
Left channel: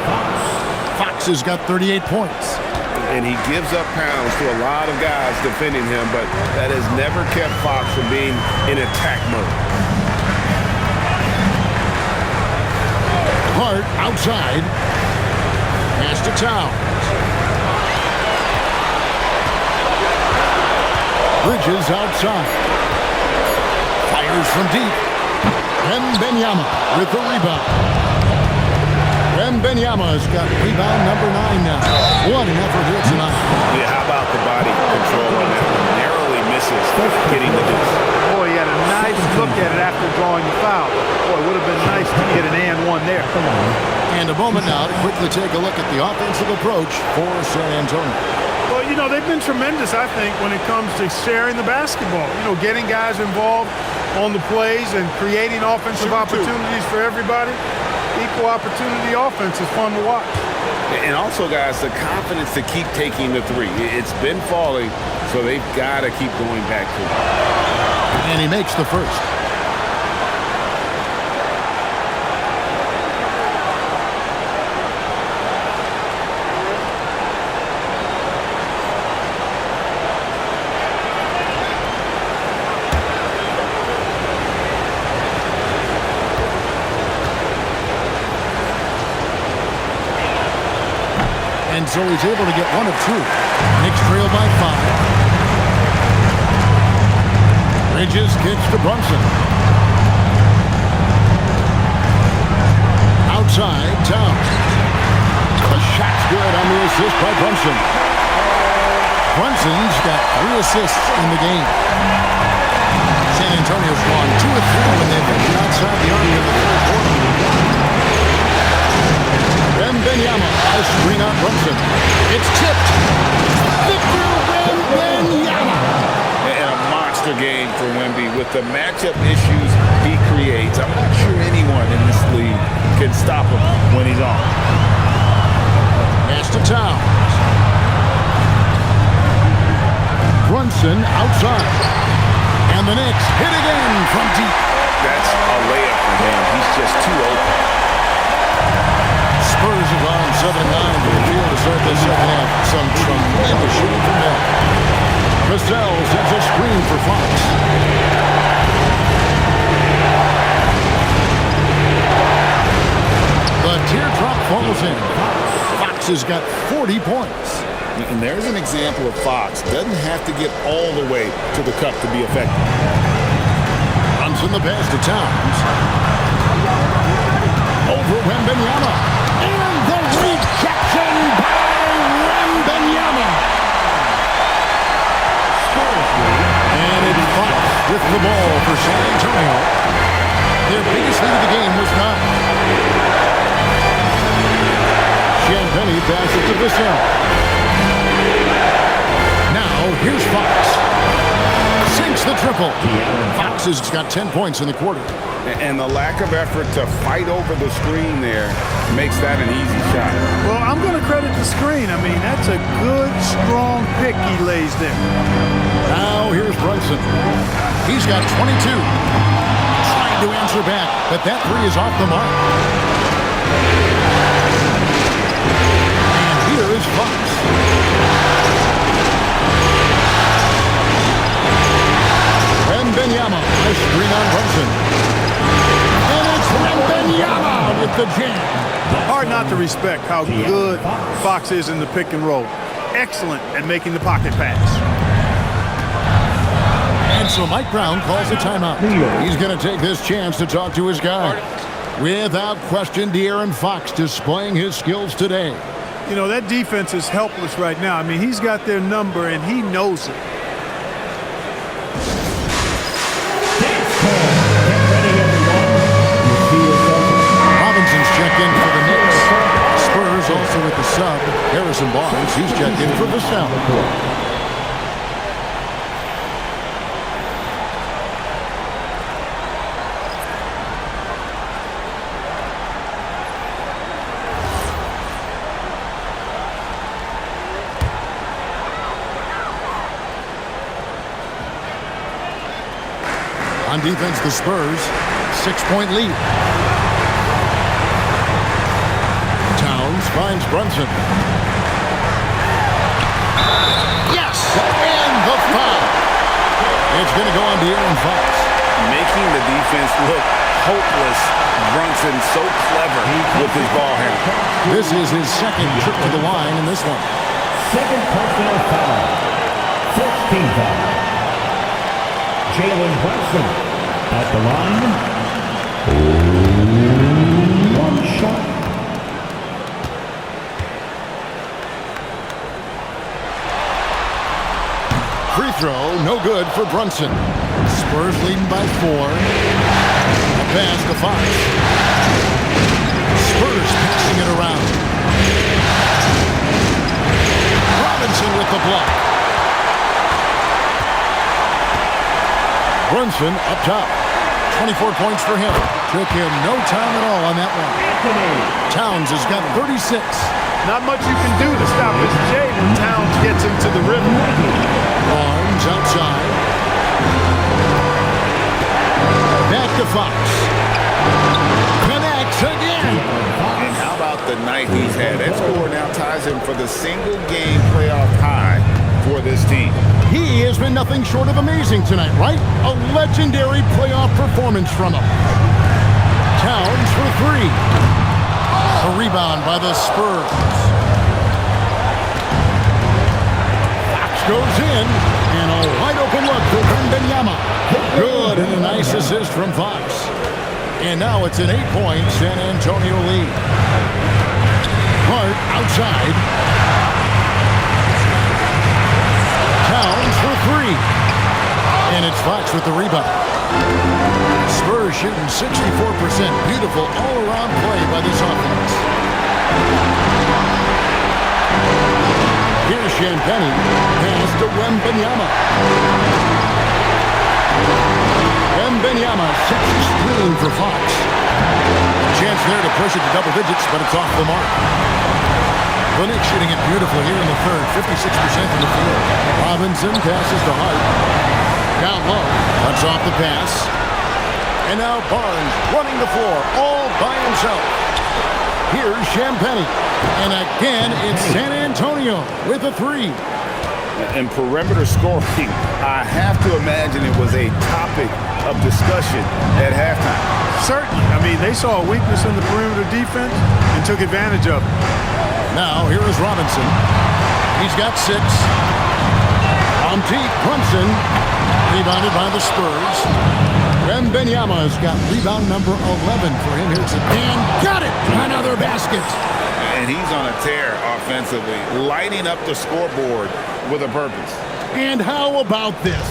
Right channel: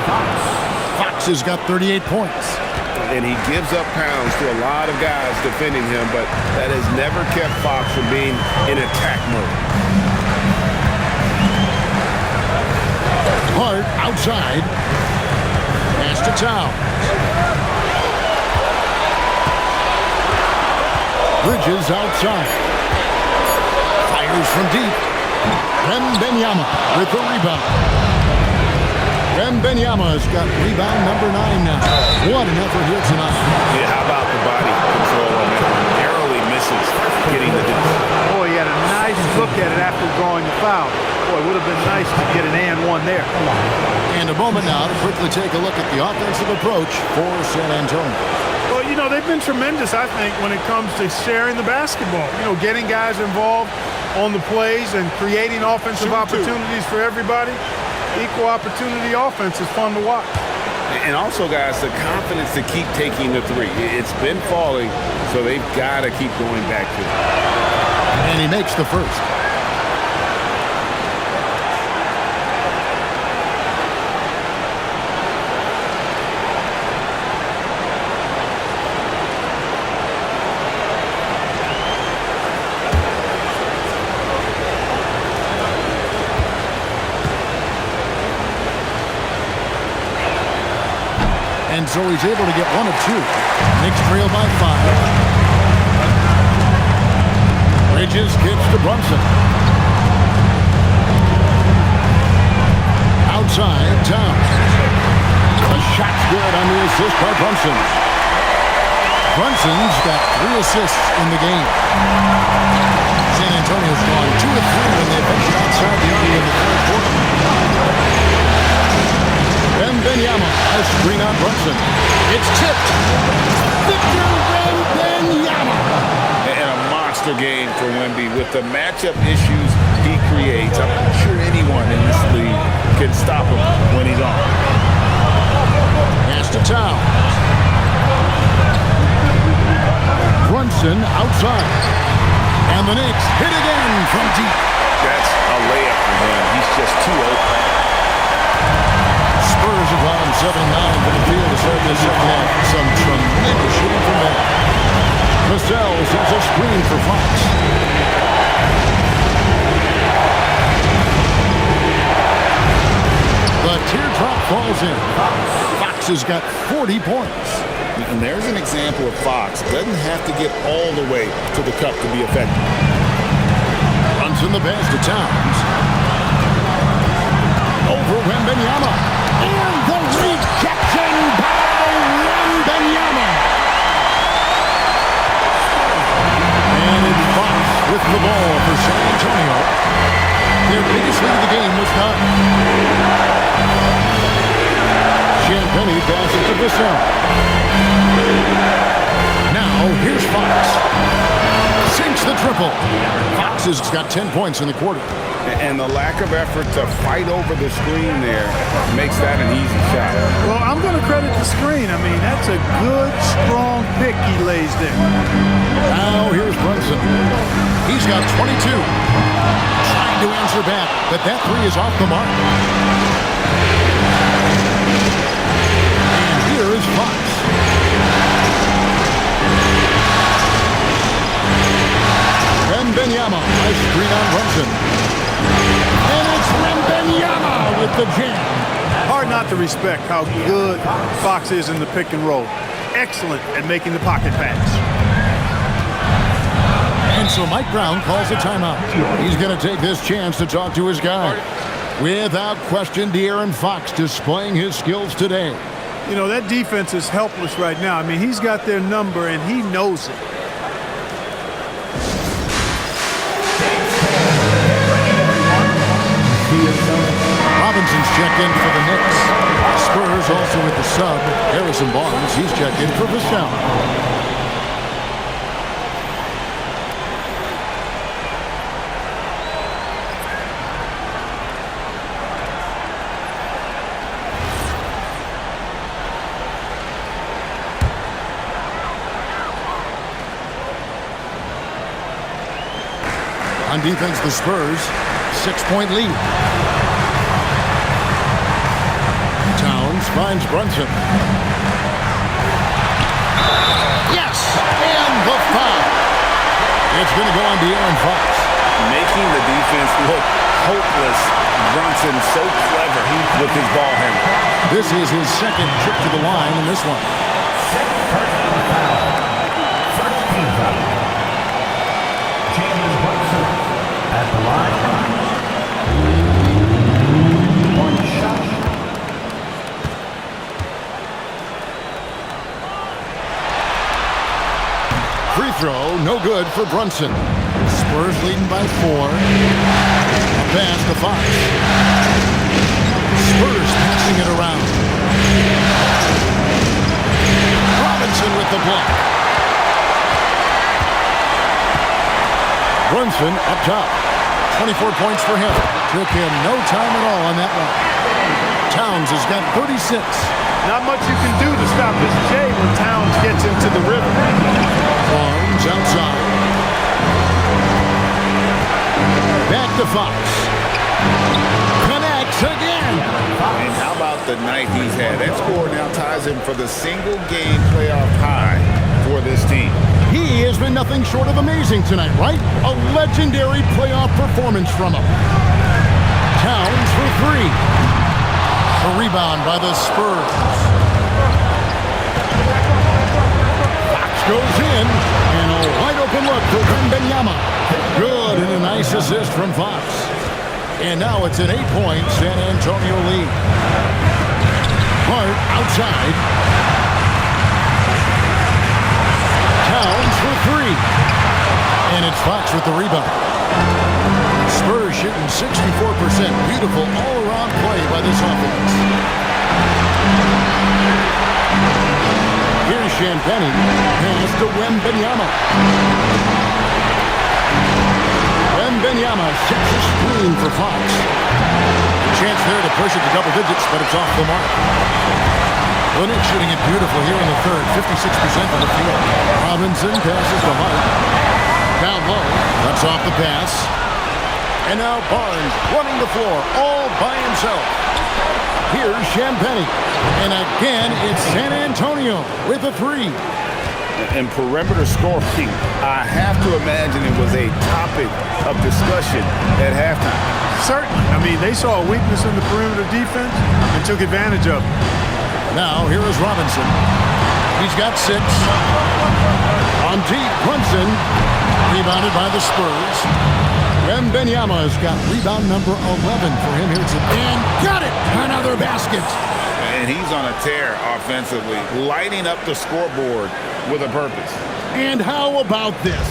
Fox has got 38 points. And he gives up pounds to a lot of guys defending him, but that has never kept Fox from being in attack mode. Hart outside. Pass to Towns. Bridges outside. Fires from deep. Wembanyama with the rebound. Wembanyama's got rebound number 9 now. What an effort here tonight. Yeah, how about the body control on that one? Narrowly misses getting the deuce. Boy, he had a nice look at it after drawing the foul. Boy, it would have been nice to get an and 1 there. Come on. And a moment now to quickly take a look at the offensive approach for San Antonio. Well, you know, they've been tremendous, I think, when it comes to sharing the basketball. You know, getting guys involved on the plays and creating offensive opportunities for everybody. Equal opportunity offense is fun to watch. And also, guys, the confidence to keep taking the 3. It's been falling, so they've got to keep going back to it. And he makes the first. And so he's able to get 1 of 2. Knicks trail by 5. Bridges kicks to Brunson. Outside, Towns. A shot's good on the assist by Brunson. Brunson's got 3 assists in the game. San Antonio's gone 2 of 3 when they ventured outside the arc in the third quarter. Wembanyama, a screen on Brunson. It's tipped. Victor Wembanyama. And a monster game for Wemby with the matchup issues he creates. I'm not sure anyone in this league can stop him when he's on. Pass to Towns. Brunson outside. And the Knicks hit again from deep. That's a layup for him. He's just too open. Spurs have gone 7-9 from the field to start this second half. Some tremendous shooting from them. Vassell sends a screen for Fox. The The teardrop falls in. Fox has got 40 points. And there's an example of Fox. Doesn't have to get all the way to the cup to be effective. Brunson the pass to Towns. Over Wembanyama. And the rejection by Wembanyama. And it's Fox with the ball for San Antonio. Their biggest lead of the game was done. Champagnie passes to Vassell. Now, here's Fox. Sinks the triple. Fox has got 10 points in the quarter. And the lack of effort to fight over the screen there makes that an easy shot. Well, I'm going to credit the screen. I mean, that's a good, strong pick he lays there. Now, here's Brunson. He's got 22. Trying to answer back, but that three is off the mark. And here is Fox. Wembanyama, nice screen on Brunson. And it's Wembanyama with the jam. Hard not to respect how good Fox is in the pick and roll. Excellent at making the pocket pass. And so Mike Brown calls a timeout. He's going to take this chance to talk to his guy. Without question, De'Aaron Fox displaying his skills today. You know, that defense is helpless right now. I mean, he's got their number, and he knows it. Robinson's checked in for the Knicks. Spurs also with the sub. Harrison Barnes, he's checked in for Vassell. On defense, the Spurs, 6-point lead. Towns finds Brunson. Yes! And the foul. It's going to go on De'Aaron Fox. Making the defense look hopeless. Brunson so clever with his ball handling. This is his second trip to the line in this one. Second personal foul. First team foul. Jalen Brunson at the line. One shot. Free throw, no good for Brunson. Spurs leading by 4. A pass to Fox. Spurs passing it around. Robinson with the block. Brunson up top. 24 points for him. Took him no time at all on that one. Towns has got 36. Not much you can do to stop this J when Towns gets into the rhythm. Barnes outside. Back to Fox. Connects again. And how about the night he's had? That score now ties him for the single game playoff high for this team. He has been nothing short of amazing tonight, right? A legendary playoff performance from him. Towns for 3. A rebound by the Spurs. Fox goes in, and a wide open look for Wembanyama. Good, and a nice assist from Fox. And now it's an 8-point San Antonio lead. Hart outside. Towns for 3. And it's Fox with the rebound. Spurs shooting 64%. Beautiful all-around play by this offense. Here's Champagnie. Pass to Wembanyama. Wembanyama sets a screen for Fox. A chance there to push it to double digits, but it's off the mark. The Knicks shooting it beautiful here in the third. 56% from the field. Robinson passes to Hart. Down low. Cuts off the pass. And now Barnes running the floor all by himself. Here's Champagnie. And again, it's San Antonio with a 3. And perimeter scoring, I have to imagine it was a topic of discussion at halftime. Certainly. I mean, they saw a weakness in the perimeter defense and took advantage of it. Now, here is Robinson. He's got 6. On deep, Brunson. Rebounded by the Spurs. Wembanyama has got rebound number 11 for him here today. And got it! Another basket. And he's on a tear offensively, lighting up the scoreboard with a purpose. And how about this?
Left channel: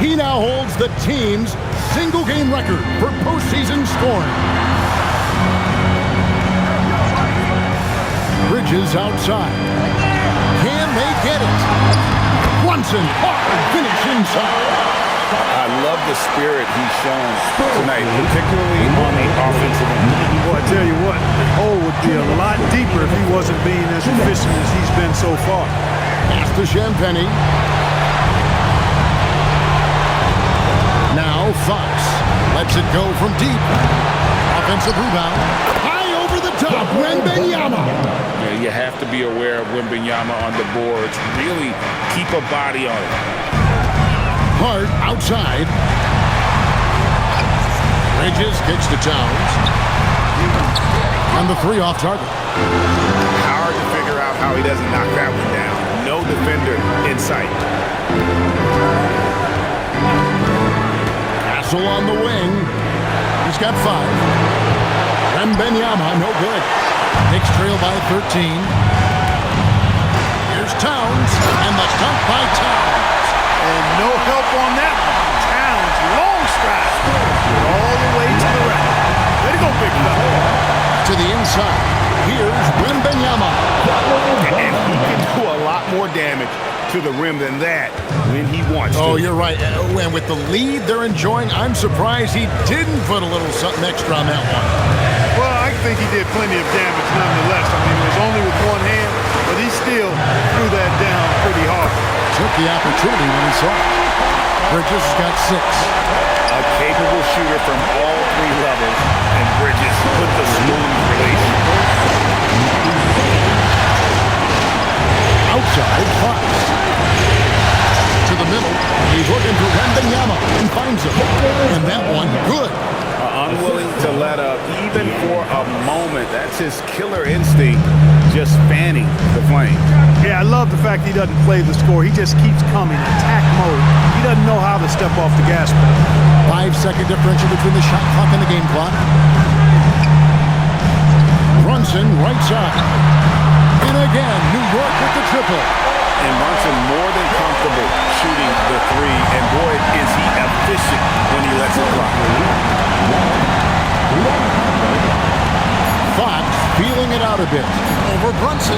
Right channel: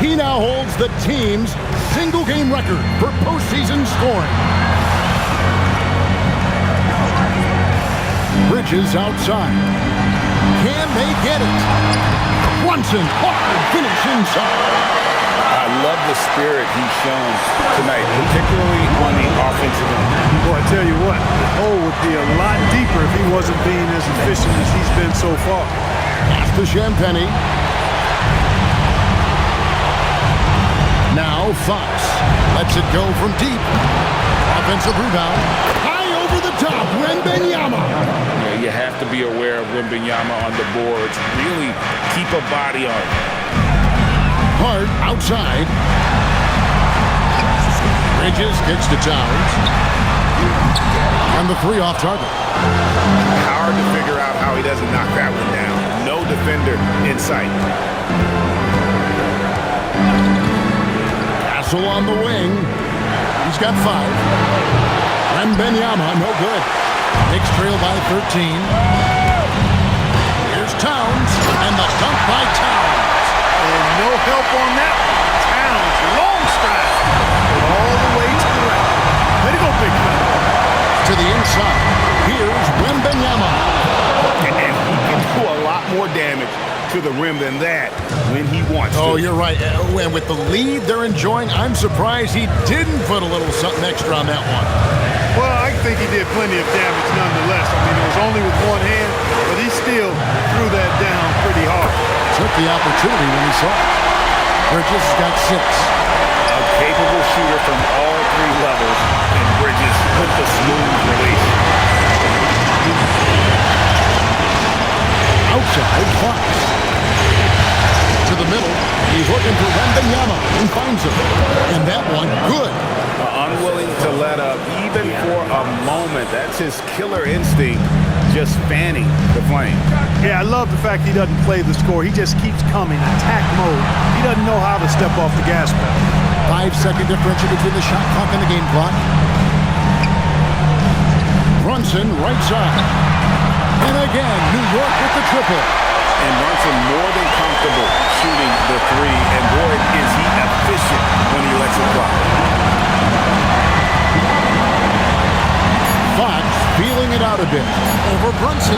He now holds the team's single-game record for postseason scoring. Bridges outside. Can they get it? Brunson, hard finish inside. I love the spirit he's shown tonight, particularly on the offensive end. Boy, I tell you what, the hole would be a lot deeper if he wasn't being as efficient as he's been so far. Pass to Champagny. Now Fox lets it go from deep. Offensive rebound. High over the top, Wembanyama. Yeah, you have to be aware of Wembanyama on the boards. Really keep a body on it. Hart outside. Bridges kicks to Towns. And the 3 off target. Hard to figure out how he doesn't knock that one down. No defender in sight. Castle on the wing. He's got 5. Wembanyama, no good. Knicks trail by 13. Here's Towns. And the dunk by Towns. And no help on that one. Towns, long stride. All the way to the rack. Way to go, big fella. To the inside. Here's Wembanyama. And he can do a lot more damage to the rim than that when he wants to. Oh, you're right. And with the lead they're enjoying, I'm surprised he didn't put a little something extra on that one. Well, I think he did plenty of damage nonetheless. I mean, it was only with one hand, but he still threw that down pretty hard. Took the opportunity when he saw it. Bridges has got 6. A capable shooter from all 3 levels, and Bridges with the smooth release. Outside, Fox. To the middle. He's looking for Wembanyama and finds him. And that one, good. Unwilling to let up even for a moment. That's his killer instinct, just fanning the flame. Yeah, I love the fact he doesn't play the score. He just keeps coming, attack mode. He doesn't know how to step off the gas pedal. 5-second differential between the shot clock and the game clock. Brunson, right side. And again, New York with the triple. And Brunson more than comfortable shooting the 3. And boy, is he efficient when he lets it fly. Fox feeling it out a bit. Over Brunson.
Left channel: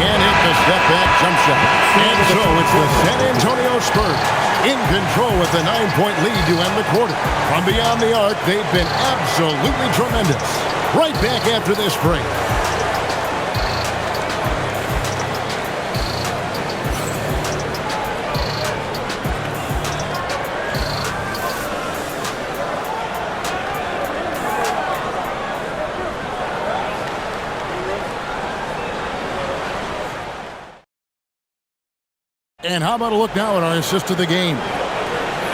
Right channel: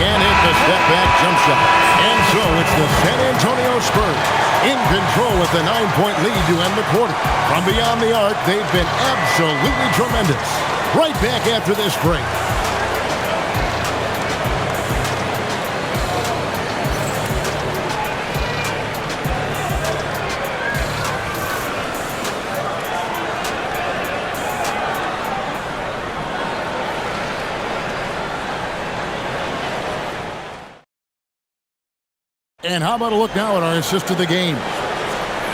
Can't hit the step-back jump shot. And so it's the San Antonio Spurs in control with a 9-point lead to end the quarter. From beyond the arc, they've been absolutely tremendous. Right back after this break. And how about a look now at our assist of the game?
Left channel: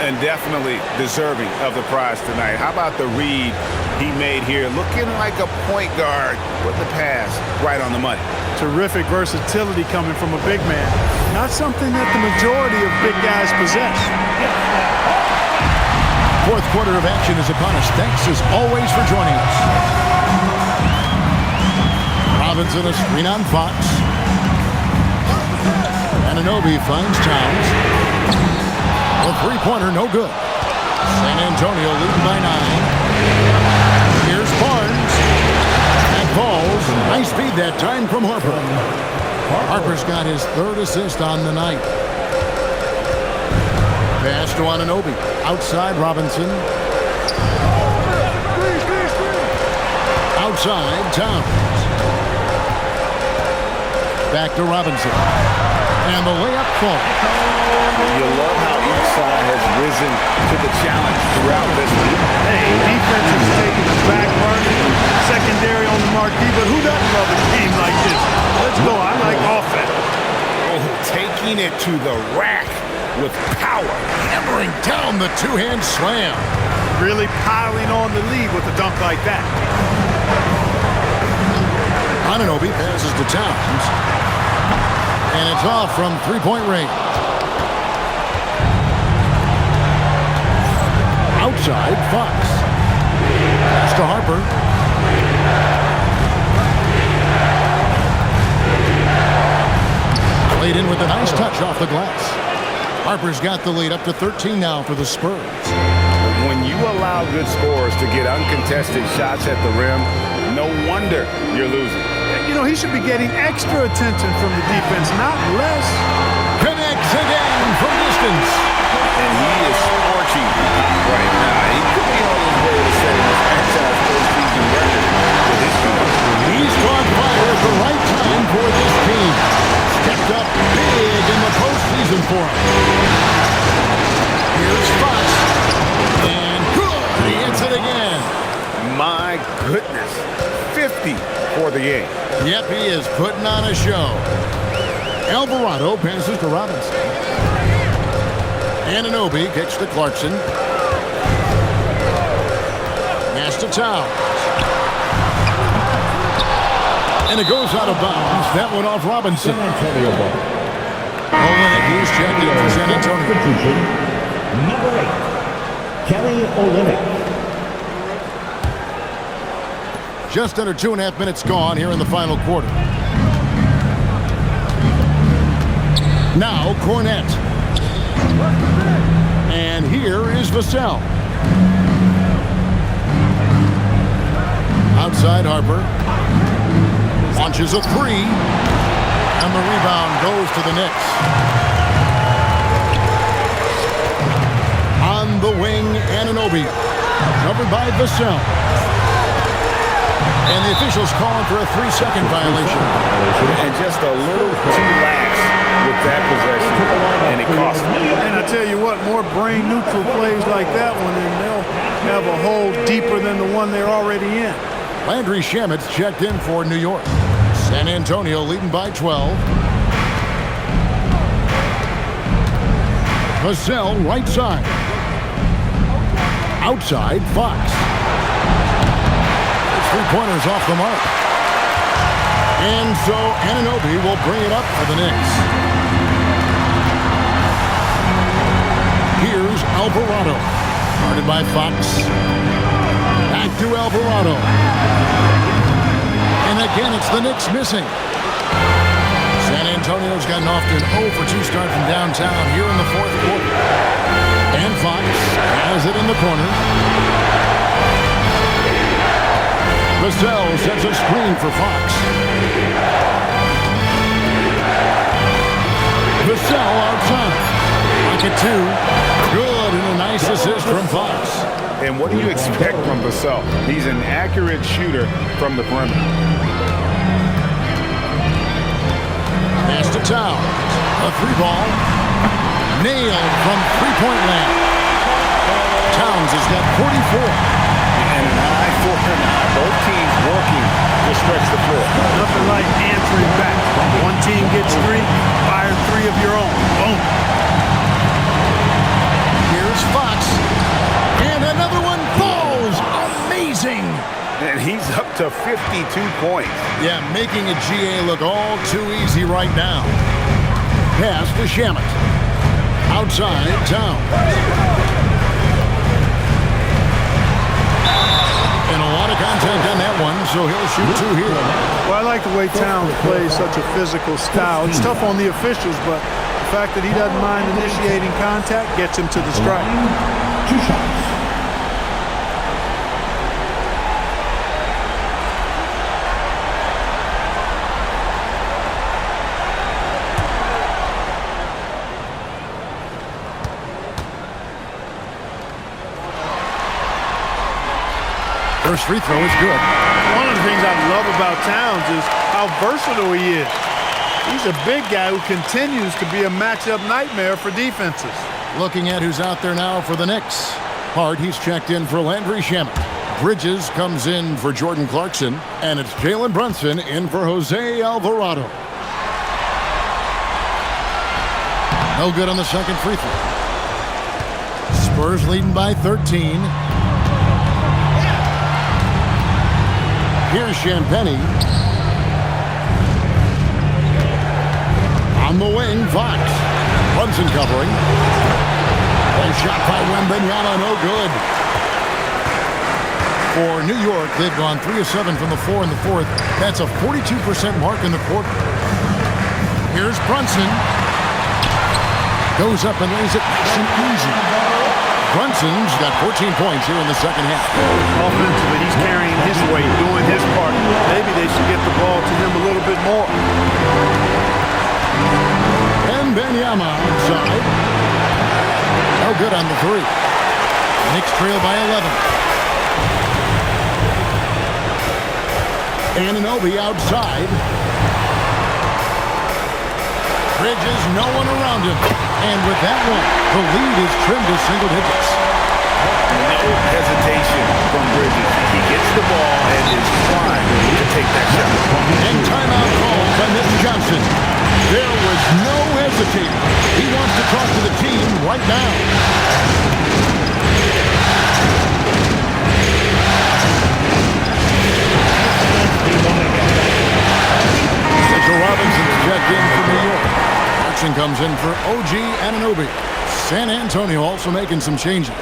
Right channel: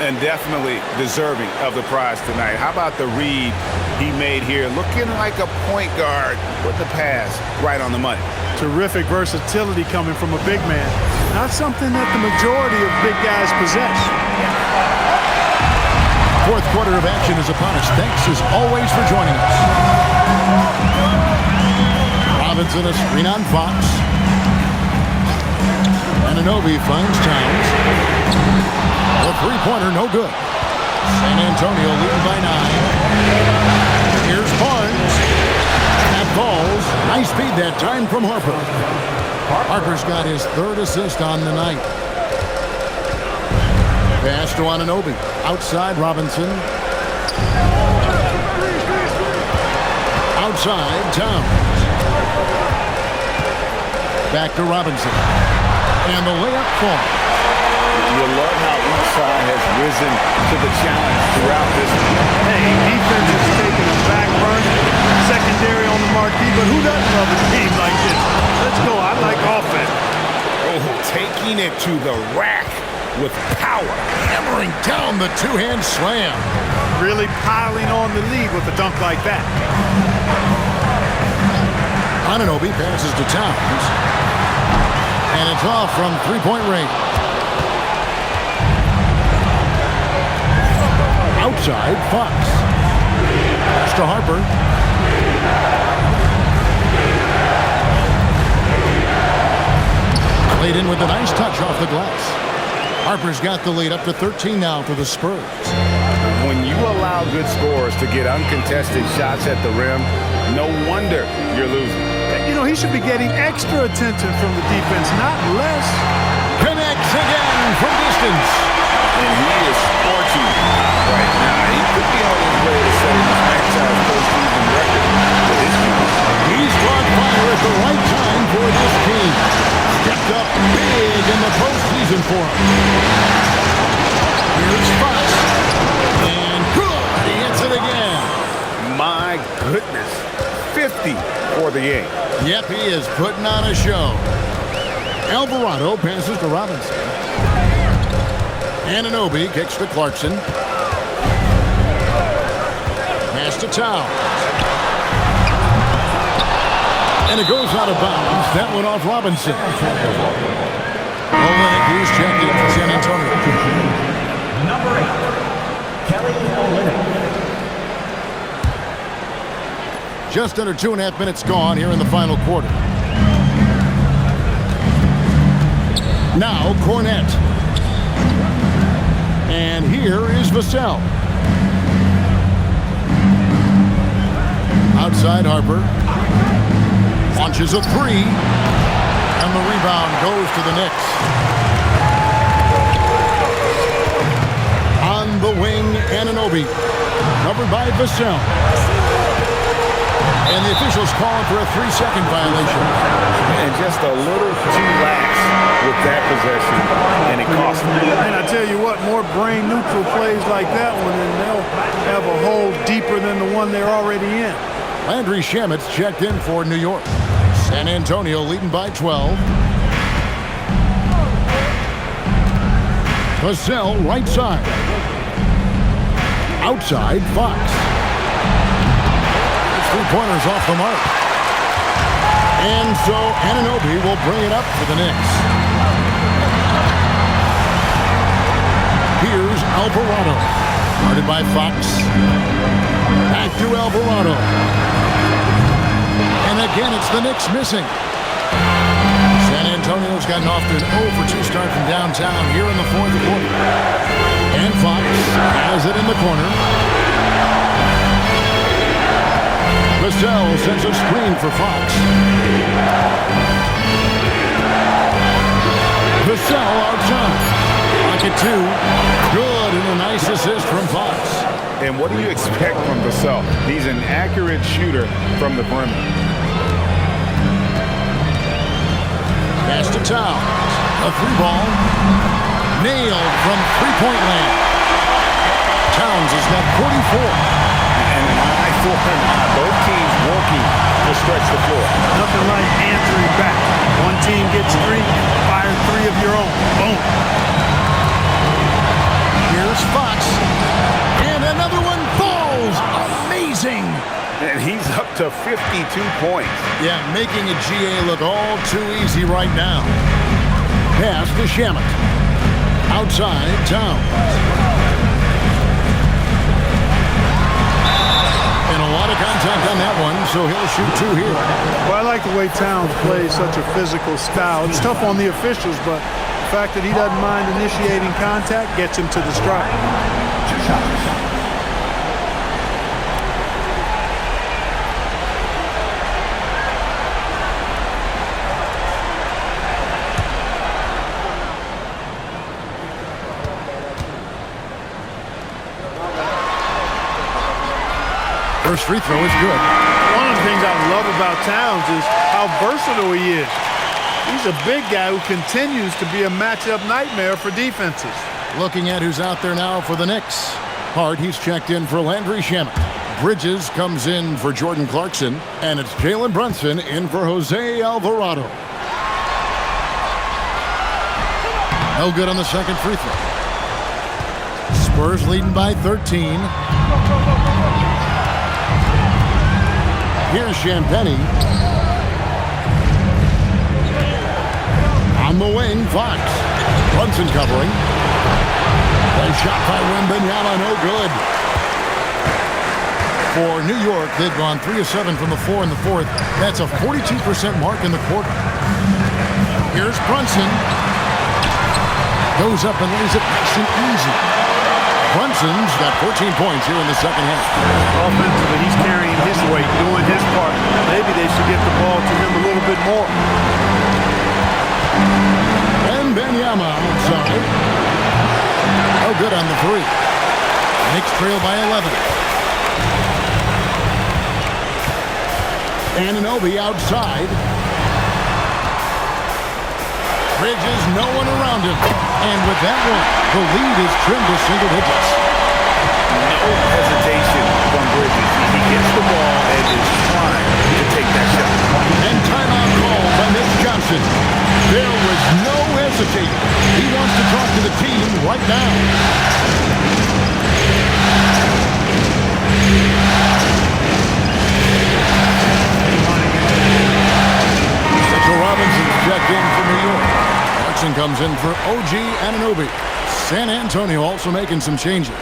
And definitely deserving of the prize tonight. How about the read he made here? Looking like a point guard with the pass right on the money. Terrific versatility coming from a big man. Not something that the majority of big guys possess. 4th quarter of action is upon us. Thanks as always for joining us. Robinson a screen on Fox. Anunoby finds Towns. The 3-pointer, no good. San Antonio leading by 9. Here's Barnes. That falls. Nice speed that time from Harper. Harper's got his 3rd assist on the night. Pass to Anunoby. Outside, Robinson. Outside, Towns. Back to Robinson. And the layup falls. You love how each side has risen to the challenge throughout this week. Hey, defense is taking a back burner, secondary on the marquee, but who doesn't love a game like this? Let's go. I like offense. Oh, taking it to the rack with power. Hammering down the 2-hand slam. really piling on the lead with a dunk like that. Anunoby passes to Towns. And it's off from three-point range. Outside, Fox. Pass to Harper. Played in with a nice touch off the glass. Harper's got the lead up to 13 now for the Spurs. When you allow good scorers to get uncontested shots at the rim, no wonder you're losing. You know, he should be getting extra attention from the defense, not less. Connects again from distance. And he is scorching hot right now. He could be on his way to setting a franchise postseason record with his team. He's caught fire at the right time for this team. Stepped up big in the postseason for him. Here's Fox. And good. He hits it again. My goodness. 50 for the game. Yep, he is putting on a show. Alvarado passes to Robinson. Anunoby kicks to Clarkson. Pass to Towns. And it goes out of bounds. That one off Robinson. Olynyk, he's checked in for San Antonio. Number 8, Kelly Olynyk. Just under 2.5 minutes gone here in the final quarter. Now Cornette. And here is Vassell. Outside Harper. Launches a three. And the rebound goes to the Knicks. On the wing, Anunoby. Covered by Vassell. And the officials calling for a 3-second violation. And just a little too lax with that possession, and it cost them. And I tell you what, more brain-neutral plays like that one, and they'll have a hole deeper than the one they're already in. Landry Shamet's checked in for New York. San Antonio leading by 12. Vassell right side. Outside, Fox. It's 3-pointers off the mark. And so Anunoby will bring it up for the Knicks. Here's Alvarado. Guarded by Fox. Back to Alvarado. And again, it's the Knicks missing. San Antonio's gotten off to an 0-for-2 start from downtown here in the fourth quarter. And Fox has it in the corner. Vassell sets a screen for Fox. Vassell outside. Pocket two. Good, and a nice assist from Fox. And what do you expect from Vassell? He's an accurate shooter from the perimeter. Pass to Towns. A three ball. Nailed from three-point land. Towns has got 44. And an eye for an eye. Both teams working to stretch the floor. Nothing like answering back. One team gets three, you fire three of your own. Boom. Here's Fox. And another one falls. Amazing. And he's up to 52 points. Yeah, making a GA look all too easy right now. Pass to Shamet. Outside, Towns. And a lot of contact on that one, so he'll shoot two here. Well, I like the way Towns plays such a physical style. It's tough on the officials, but the fact that he doesn't mind initiating contact gets him to the stripe. 2 shots. First free throw is good. One of the things I love about Towns is how versatile he is. He's a big guy who continues to be a matchup nightmare for defenses. Looking at who's out there now for the Knicks. Hart, he's checked in for Landry Shamet. Bridges comes in for Jordan Clarkson. And it's Jalen Brunson in for Jose Alvarado. No good on the second free throw. Spurs leading by 13. Here's Champagnie. On the wing, Fox. Brunson covering. A shot by Wembanyama, no good. For New York, they've gone 3 of 7 from the floor in the fourth. That's a 42% mark in the quarter. Here's Brunson. Goes up and lays it nice and easy. Brunson's got 14 points here in the second half. Offensively, he's carrying his weight, doing his part. Maybe they should get the ball to him a little bit more. Wembanyama outside. No good on the three. Knicks trail by 11. Anunoby outside. Bridges, no one around him. And with that one, the lead is trimmed to single digits. No hesitation from Bridges. He gets the ball and is trying to take that shot. And timeout called by Mitch Johnson. There was no hesitating. He wants to talk to the team right now. Mitchell Robinson's checked in for New York. Clarkson comes in for OG Anunoby. San Antonio also making some changes.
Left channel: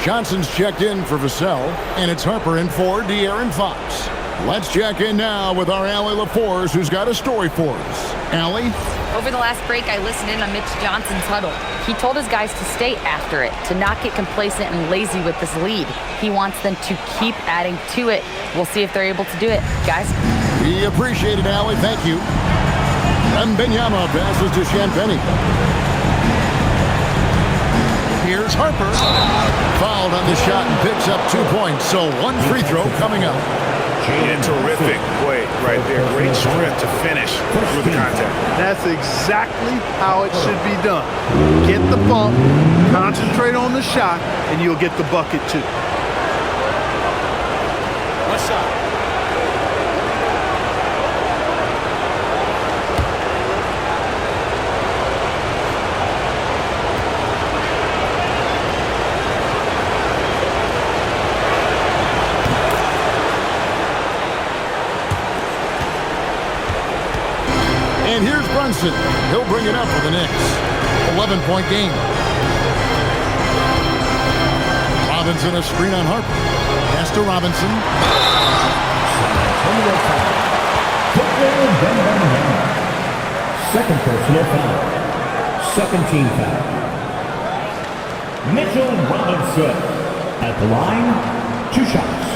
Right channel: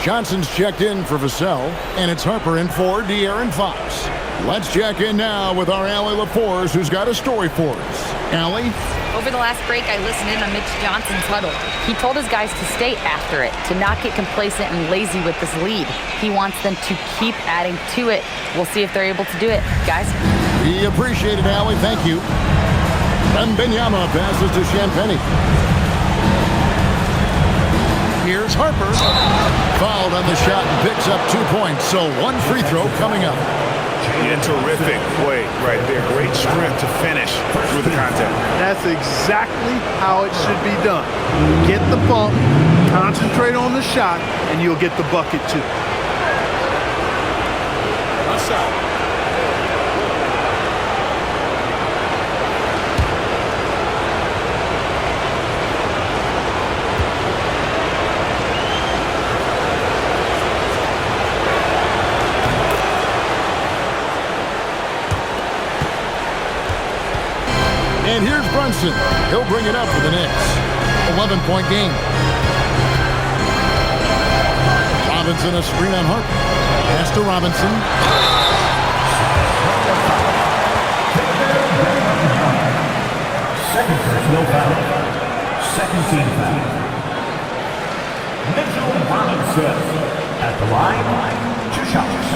Johnson's checked in for Vassell, and it's Harper in for De'Aaron Fox. Let's check in now with our Allie LaForce, who's got a story for us. Allie? Over the last break, I listened in on Mitch Johnson's huddle. He told his guys to stay after it, to not get complacent and lazy with this lead. He wants them to keep adding to it. We'll see if they're able to do it. Guys? We appreciate it, Allie. Thank you. Wembanyama passes to Champagnie. Here's Harper. Fouled on the shot and picks up 2 points. So one free throw coming up. Yeah, terrific play right there. Great strength to finish through the contact. That's exactly how it should be done. Get the bump, concentrate on the shot, and you'll get the bucket too. One shot. And here's Brunson. He'll bring it up for the Knicks. 11-point game. Robinson a screen on Harper. Pass to Robinson. Second personal foul. Second team foul. Mitchell Robinson at the line. 2 shots.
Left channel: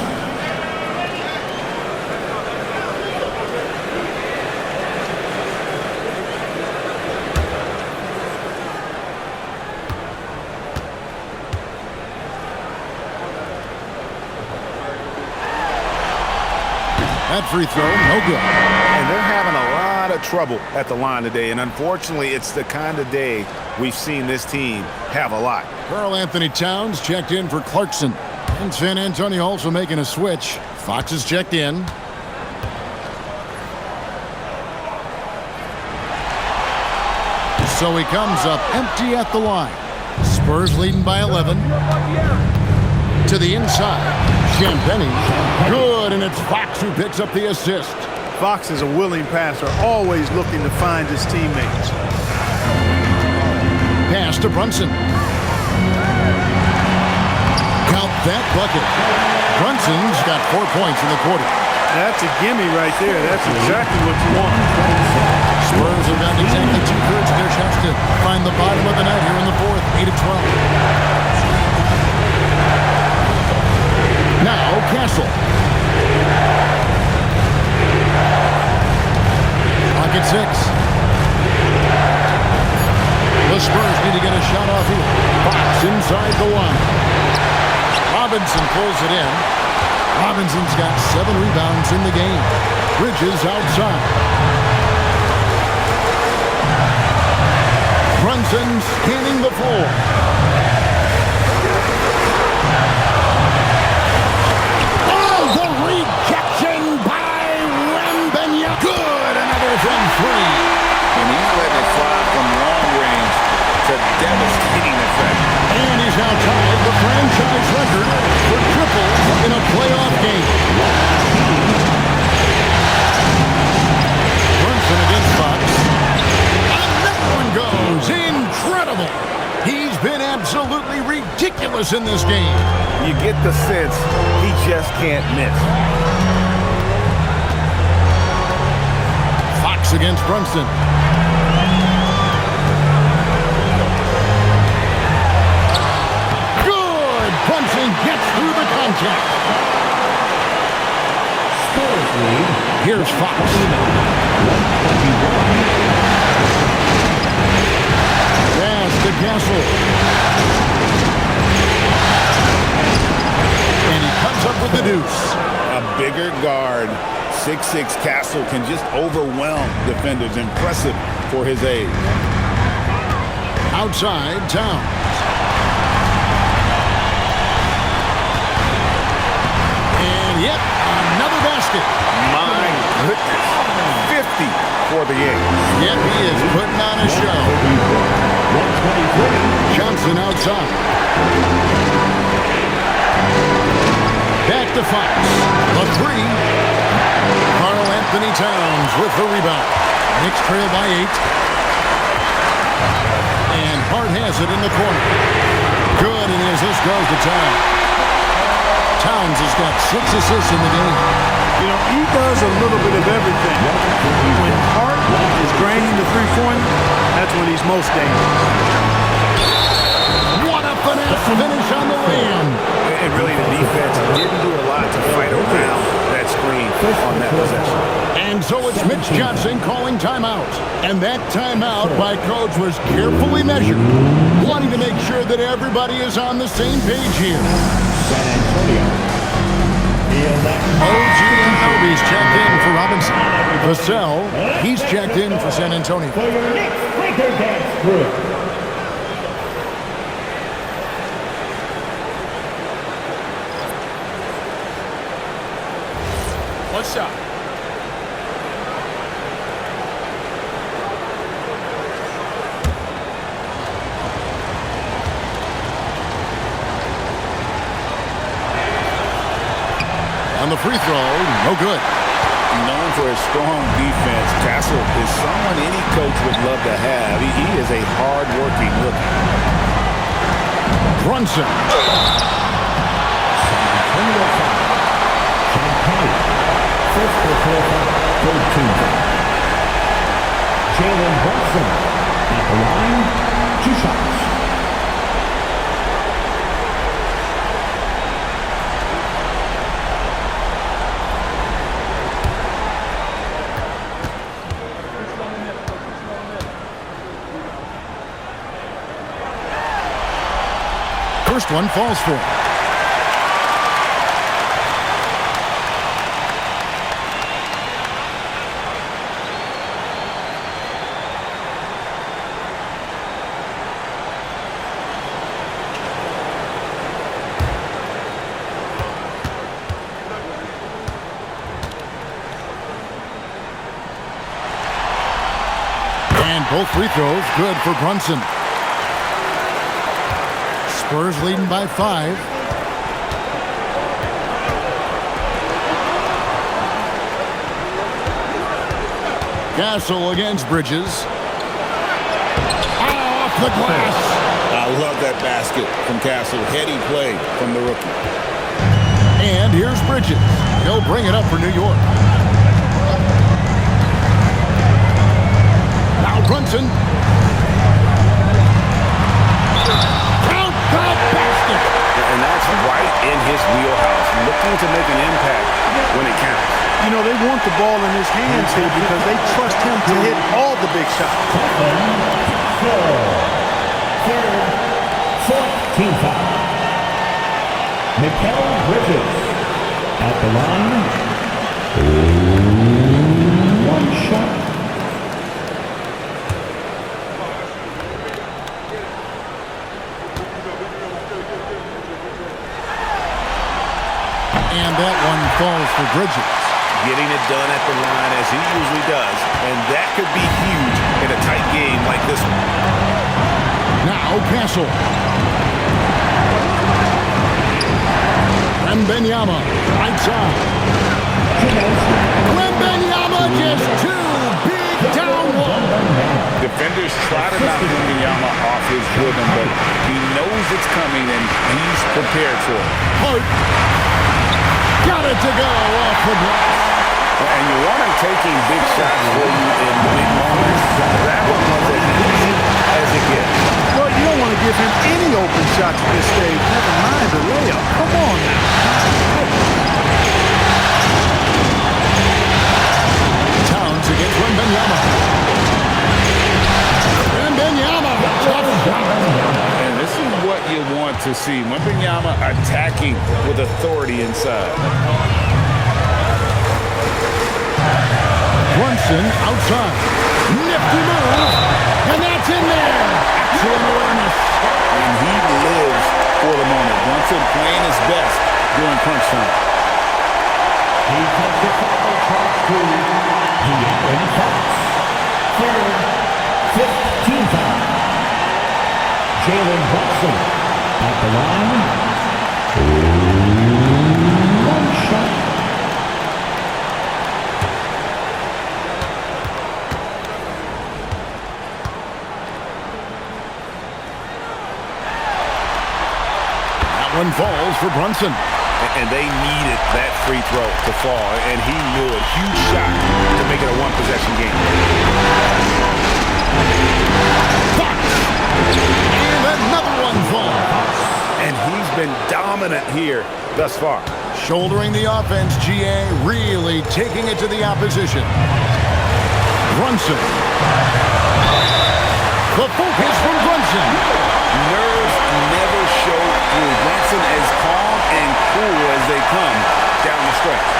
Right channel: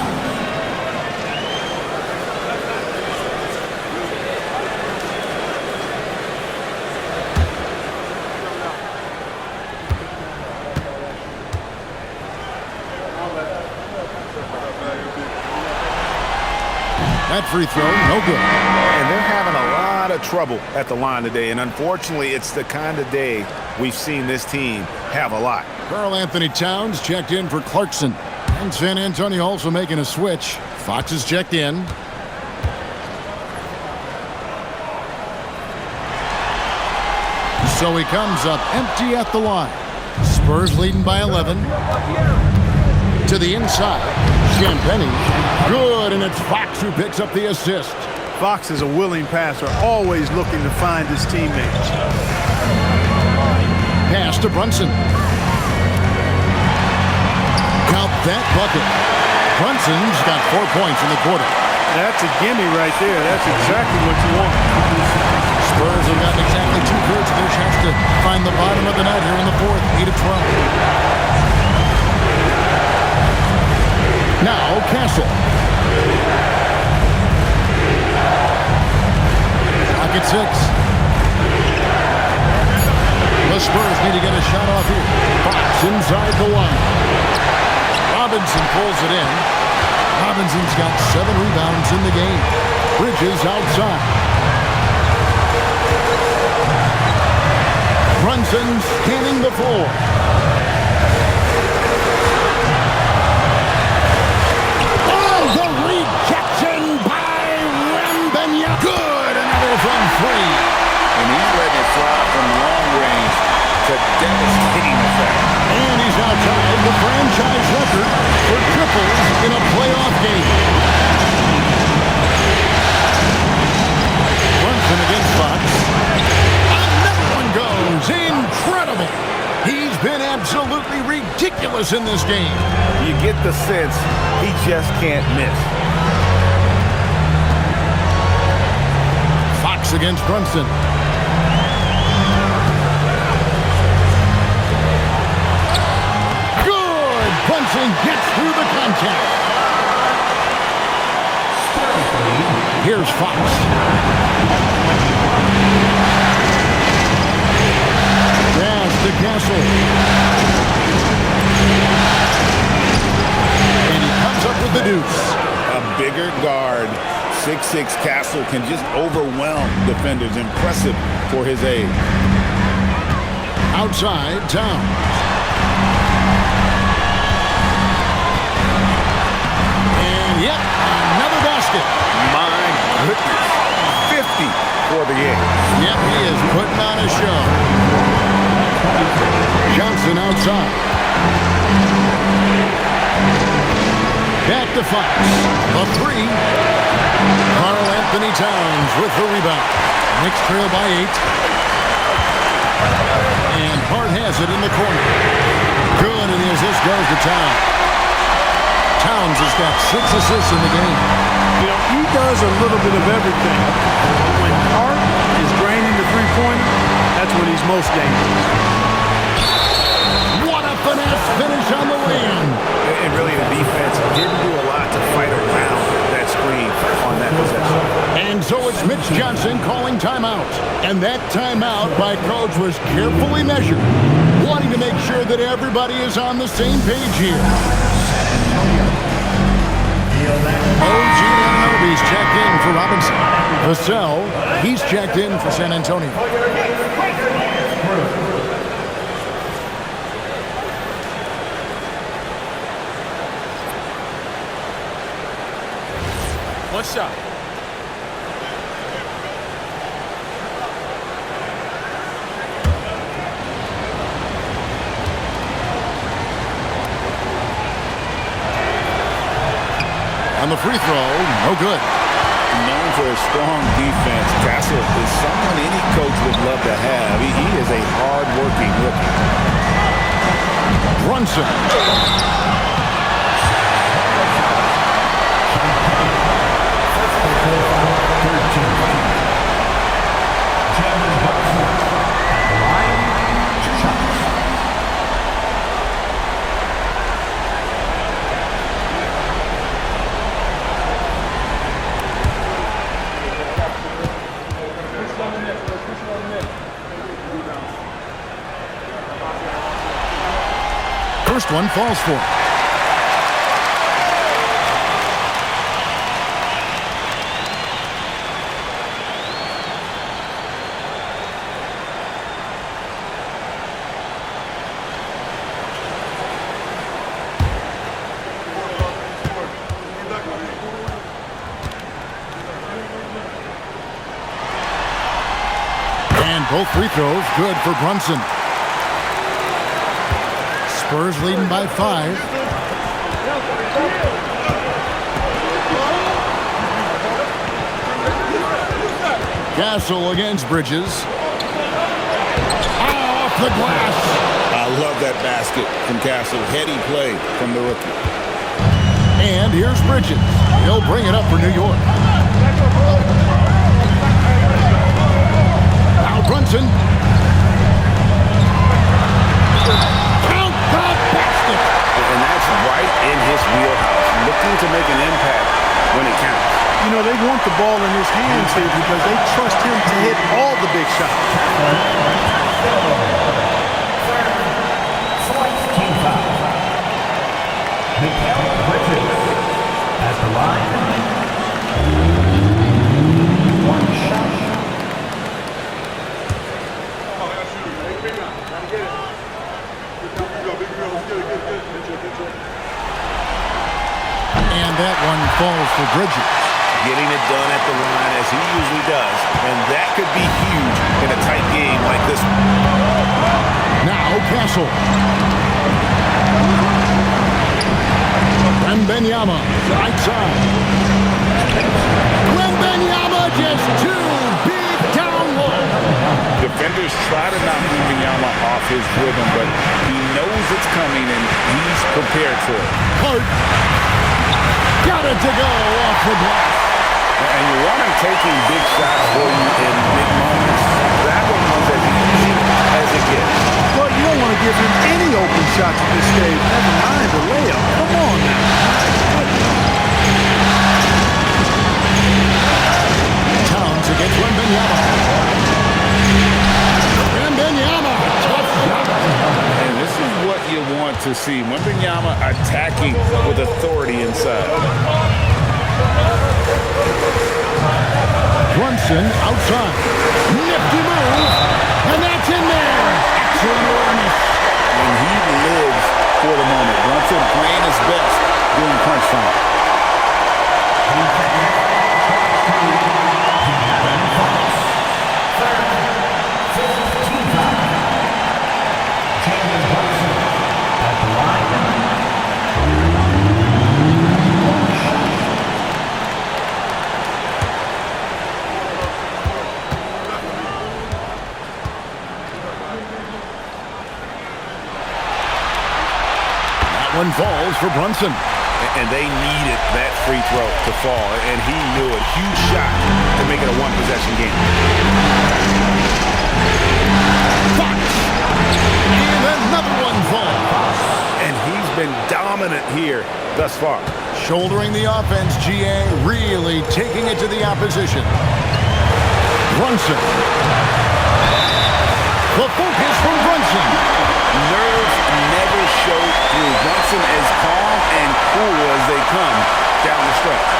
That free throw, no good. And they're having a lot of trouble at the line today. And unfortunately, it's the kind of day we've seen this team have a lot. Karl Anthony Towns checked in for Clarkson. And San Antonio also making a switch. Fox is checked in. So he comes up empty at the line. Spurs leading by 11. To the inside. Champagnie. Good, and it's Fox who picks up the assist. Fox is a willing passer, always looking to find his teammates. Pass to Brunson. Count that bucket. Brunson's got 4 points in the quarter. That's a gimme right there. That's exactly what you want. Spurs have gotten exactly 2/3 of their shots to find the bottom of the net here in the fourth. 8 of 12. Now Castle. Pocket 6. The Spurs need to get a shot off here. Fox inside the line. Robinson pulls it in. Robinson's got 7 rebounds in the game. Bridges outside. Brunson scanning the floor. The rejection by Wembanyama. Good, another from 3. And he's letting it fly from long range to devastating effect. And he's now tied the franchise record for triples in a playoff game. against Fox. Another one goes. Incredible. He's been absolutely ridiculous in this game. You get the sense he just can't miss. Fox against Brunson. Good. Brunson gets through the contact. Spurs lead. Here's Fox. 121. Pass to Castle. And he comes up with the deuce. A bigger guard, 6'6" Castle, can just overwhelm defenders. Impressive for his age. Outside, Towns. And yet, another basket. My goodness. 50 for the A's. Yep, he is putting on a show. 123. Johnson outside. Back to Fox. The three. Karl Anthony Towns with the rebound. Knicks trail by 8. And Hart has it in the corner. Good, and his assist goes to Towns. Towns has got 6 assists in the game. You know, he does a little bit of everything. When Hart is draining the three-pointer, that's when he's most dangerous. What a finesse finish on the win. And really, the defense didn't do a lot to fight around that screen on that possession. And so it's Mitch Johnson calling timeout. And that timeout by coach was carefully measured, wanting to make sure that everybody is on the same page here. San Antonio. OG Anunoby's checked in for Robinson. Vassell, he's checked in for San Antonio. For your Knicks Breaker Dance crew. One shot. On the free throw, no good. Known for his strong defense, Castle is someone any coach would love to have. He is a hard-working rookie. Brunson. First personal foul, third team foul. Jalen Brunson at the line, 2 shots. First one falls for him. And both free throws good for Brunson. Spurs leading by 5. Castle against Bridges. Off the glass. I love that basket from Castle. Heady play from the rookie. And here's Bridges. He'll bring it up for New York. Now Brunson. Count the basket. And that's right in his wheelhouse, looking to make an impact when it counts. You know, they want the ball in his hands here because they trust him to hit all the big shots. Third, fourth team foul. Mikal Bridges at the line. 1 shot. And that one falls for Bridges. Getting it done at the line as he usually does. And that could be huge in a tight game like this one. Now Castle. Wembanyama, right side. Wembanyama just 2 big time Defenders try to knock Wembanyama off his rhythm, but he knows it's coming and he's prepared for it. Hart. Got it to go off the glass. And you want him taking big shots for you in big moments. That one was as easy as it gets. Well, you don't want to give him any open shots at this stage. Never mind the layup. Come on now. Towns against Wembanyama. Wembanyama, tough shot. And this is what you want to see. Wembanyama attacking with authority inside. Brunson outside. Nifty move. And that's in there. Excellent awareness. And he lives for the moment. Brunson playing his best during crunch time. Jalen Brunson at the line. One shot. That one falls for Brunson. And they needed that free throw to fall, and he knew it. Huge shot to make it a one-possession game. Fox. And another one falls. And he's been dominant here thus far. Shouldering the offense, GA really taking it to the opposition. Brunson. The focus from Brunson. Nerves never show through. Brunson as calm and cool as they come down the stretch.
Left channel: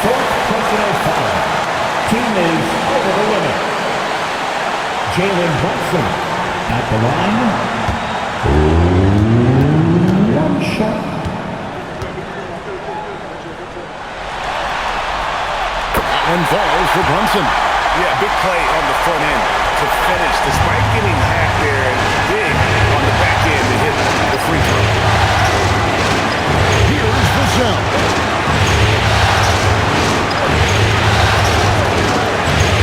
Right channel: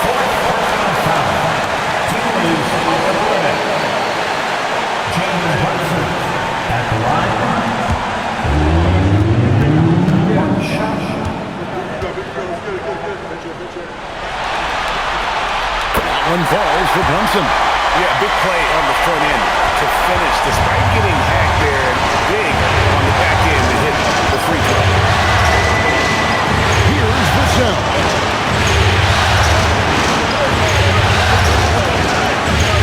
Fourth personal foul. Team is over the limit. Jalen Brunson at the line. One shot. That one falls for Brunson. Yeah, big play on the front end to finish, despite getting hacked there, and big on the back end to hit the free throw. Here's Vassell.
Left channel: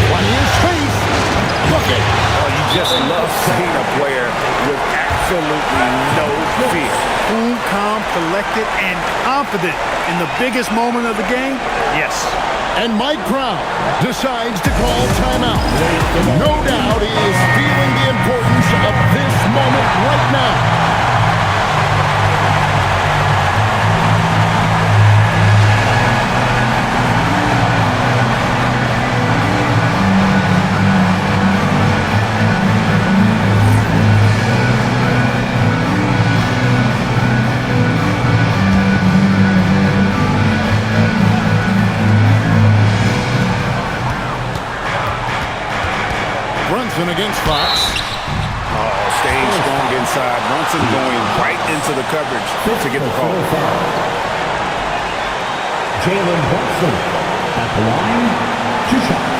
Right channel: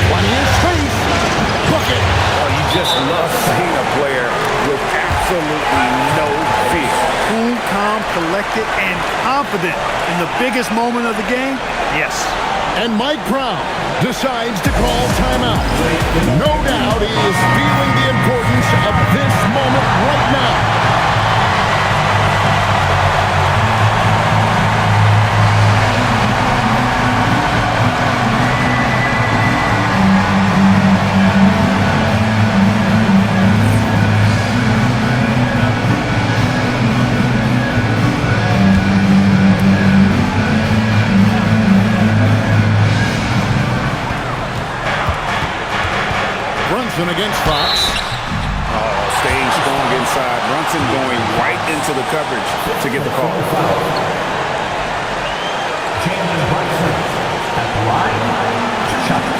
Plenty of space. Bucket. Oh, you just love seeing a player with absolutely no fear. Cool, calm, collected, and confident in the biggest moment of the game? Yes. And Mike Brown decides to call timeout. No doubt he is feeling the importance of this moment right now. Brunson against Fox. Oh, staying strong inside. Brunson going right into the coverage to get the call. Jalen Brunson at the line. 2 shots.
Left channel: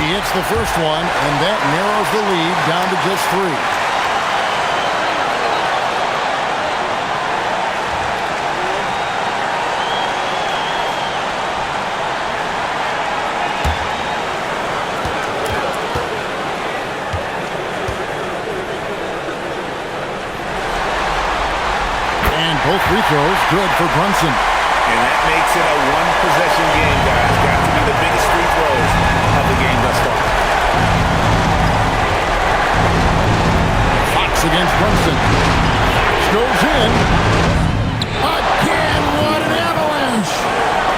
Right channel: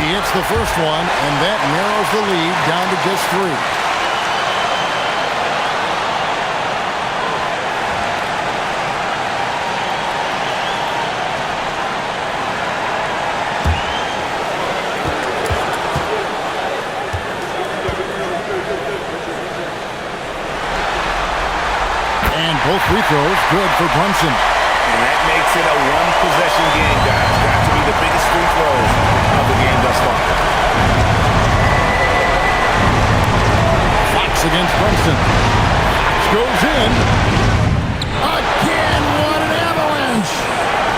He hits the first one, and that narrows the lead down to just 3. And both free throws good for Brunson. And that makes it a one-possession game, guys. Got to be the biggest free throws of the game thus far. Fox against Brunson. Fox goes in. Again, what an avalanche.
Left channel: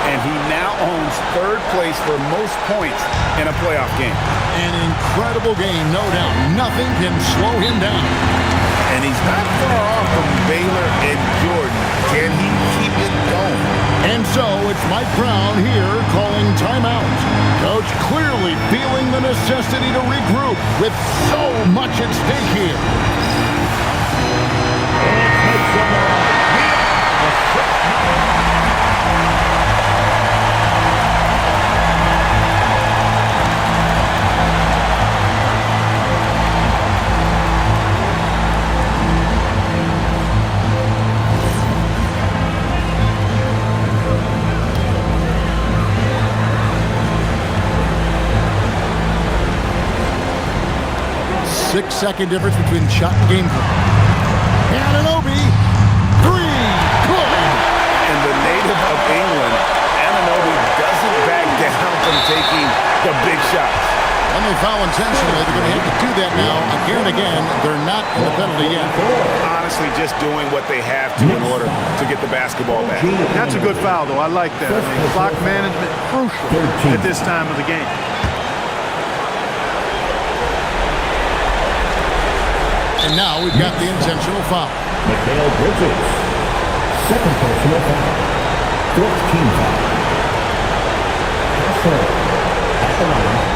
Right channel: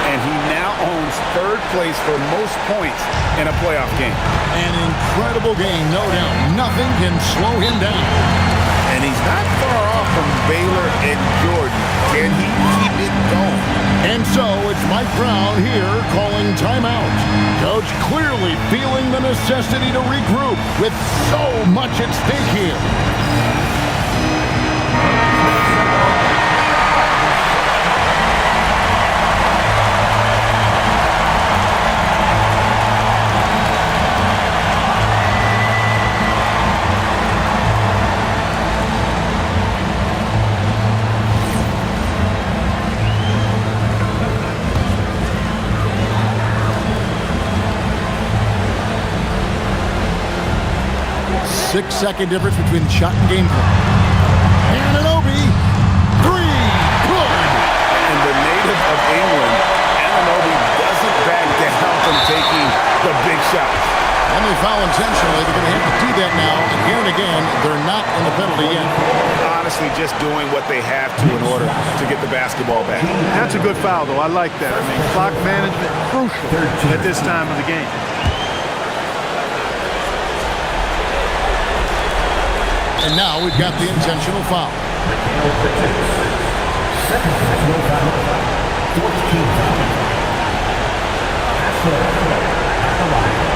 And he now owns 3rd place for most points in a playoff game. An incredible game, no doubt. Nothing can slow him down. And he's not far off from Baylor and Jordan. Can he keep it going? And so it's Mike Brown here calling timeout. Coach clearly feeling the necessity to regroup with so much at stake here. 6-second difference between shot and game play. Anunoby, three, good. And the native of England, Anunoby doesn't back down from taking the big shots. When they foul intentionally, they're going to have to do that now again and again. They're not in the penalty yet. Honestly, just doing what they have to in order to get the basketball back. That's a good foul, though. I like that. I mean, clock management crucial at this time of the game. And now we've got the intentional foul. Mikal Bridges. Second personal foul. Fourth team foul. Pass at the line.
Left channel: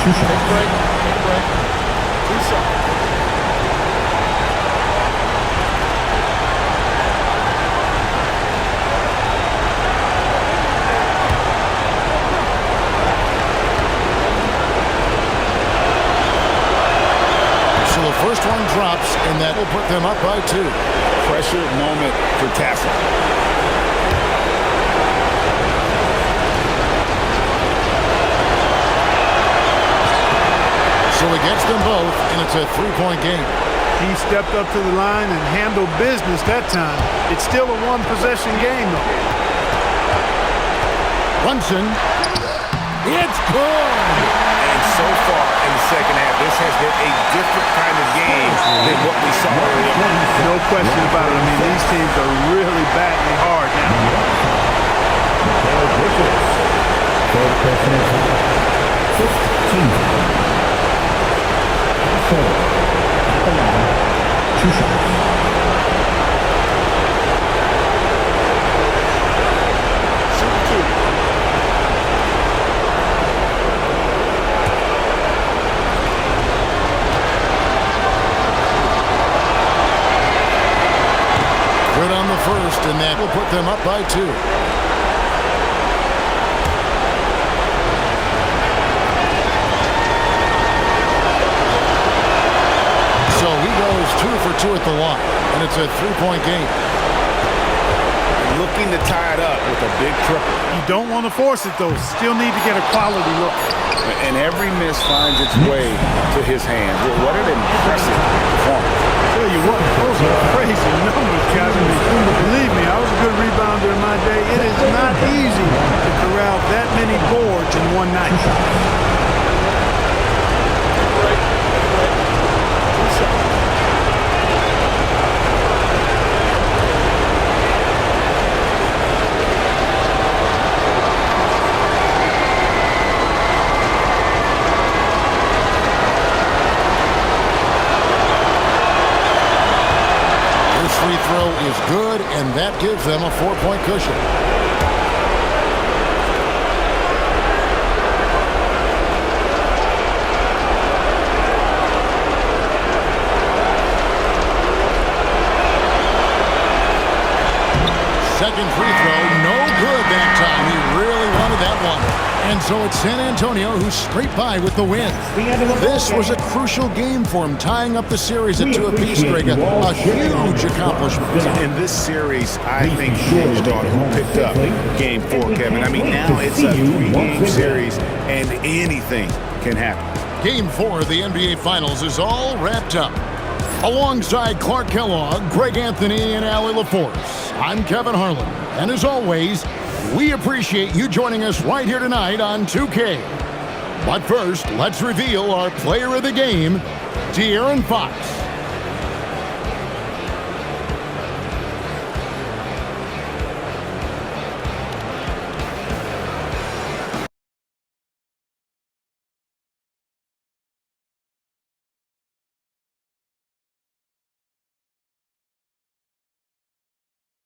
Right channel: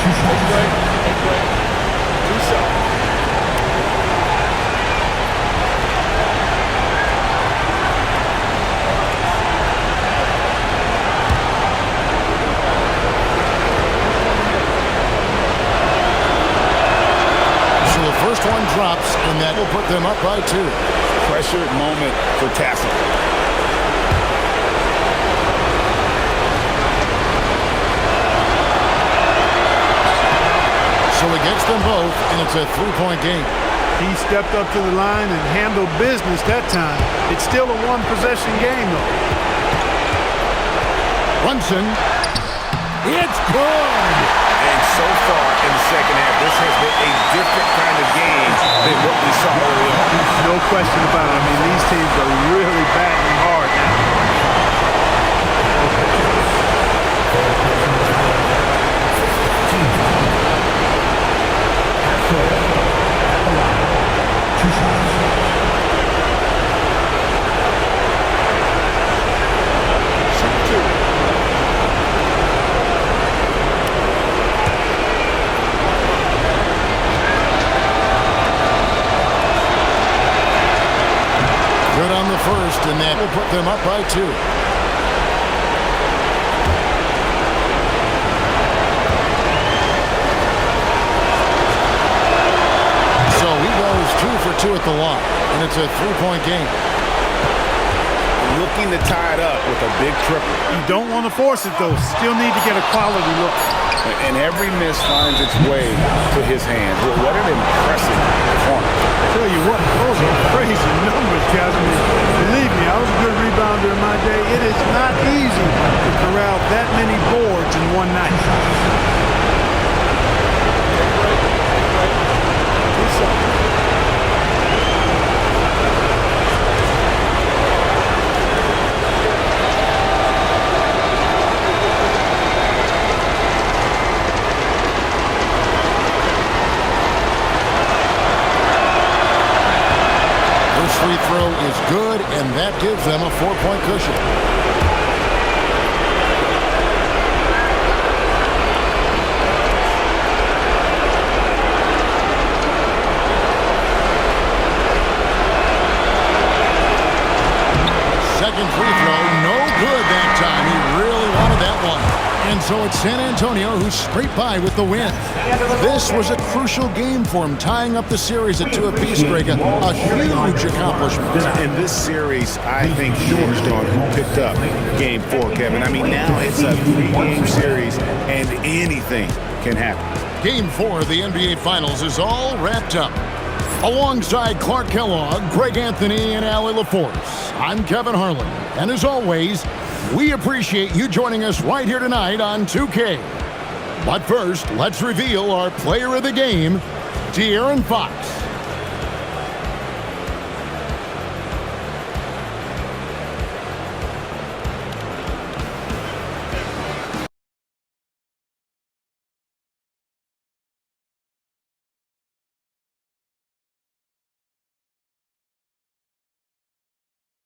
2 shots. Take a break. 2 shots. So the first one drops, and that will put them up by 2. Pressure moment for Tassel. So he gets them both, and it's a 3-point game. He stepped up to the line and handled business that time. It's still a one-possession game, though. Brunson, it's good. And so far in the second half, this has been a different kind of game than what we saw early on. No question about it. I mean, these teams are really battling hard now. Two shots. Shoot 2. Good on the first, and that will put them up by 2. So he goes 2 for 2 at the line, and it's a 3-point game. Looking to tie it up with a big triple. You don't want to force it, though. Still need to get a quality look. And every miss finds its way to his hands. Well, what an impressive performance. I tell you what, those are crazy numbers, guys. I mean, believe me, I was a good rebounder in my day. It is not easy to corral that many boards in one night. Take a break. 2 shots. Free throw is good, and that gives them a 4-point cushion. Second free throw, no good that time. He really wanted that one. And so it's San Antonio who scraped by with the win. This was a crucial game for him, tying up the series at 2 apiece, Greg. A huge accomplishment. And this series, I think, hinged on who picked up Game 4, Kevin. I mean, now it's a 3-game series, and anything can happen. Game 4 of the NBA Finals is all wrapped up. Alongside Clark Kellogg, Greg Anthony, and Allie LaForce, I'm Kevin Harlan. And as always, we appreciate you joining us right here tonight on 2K. But first, let's reveal our player of the game, De'Aaron Fox.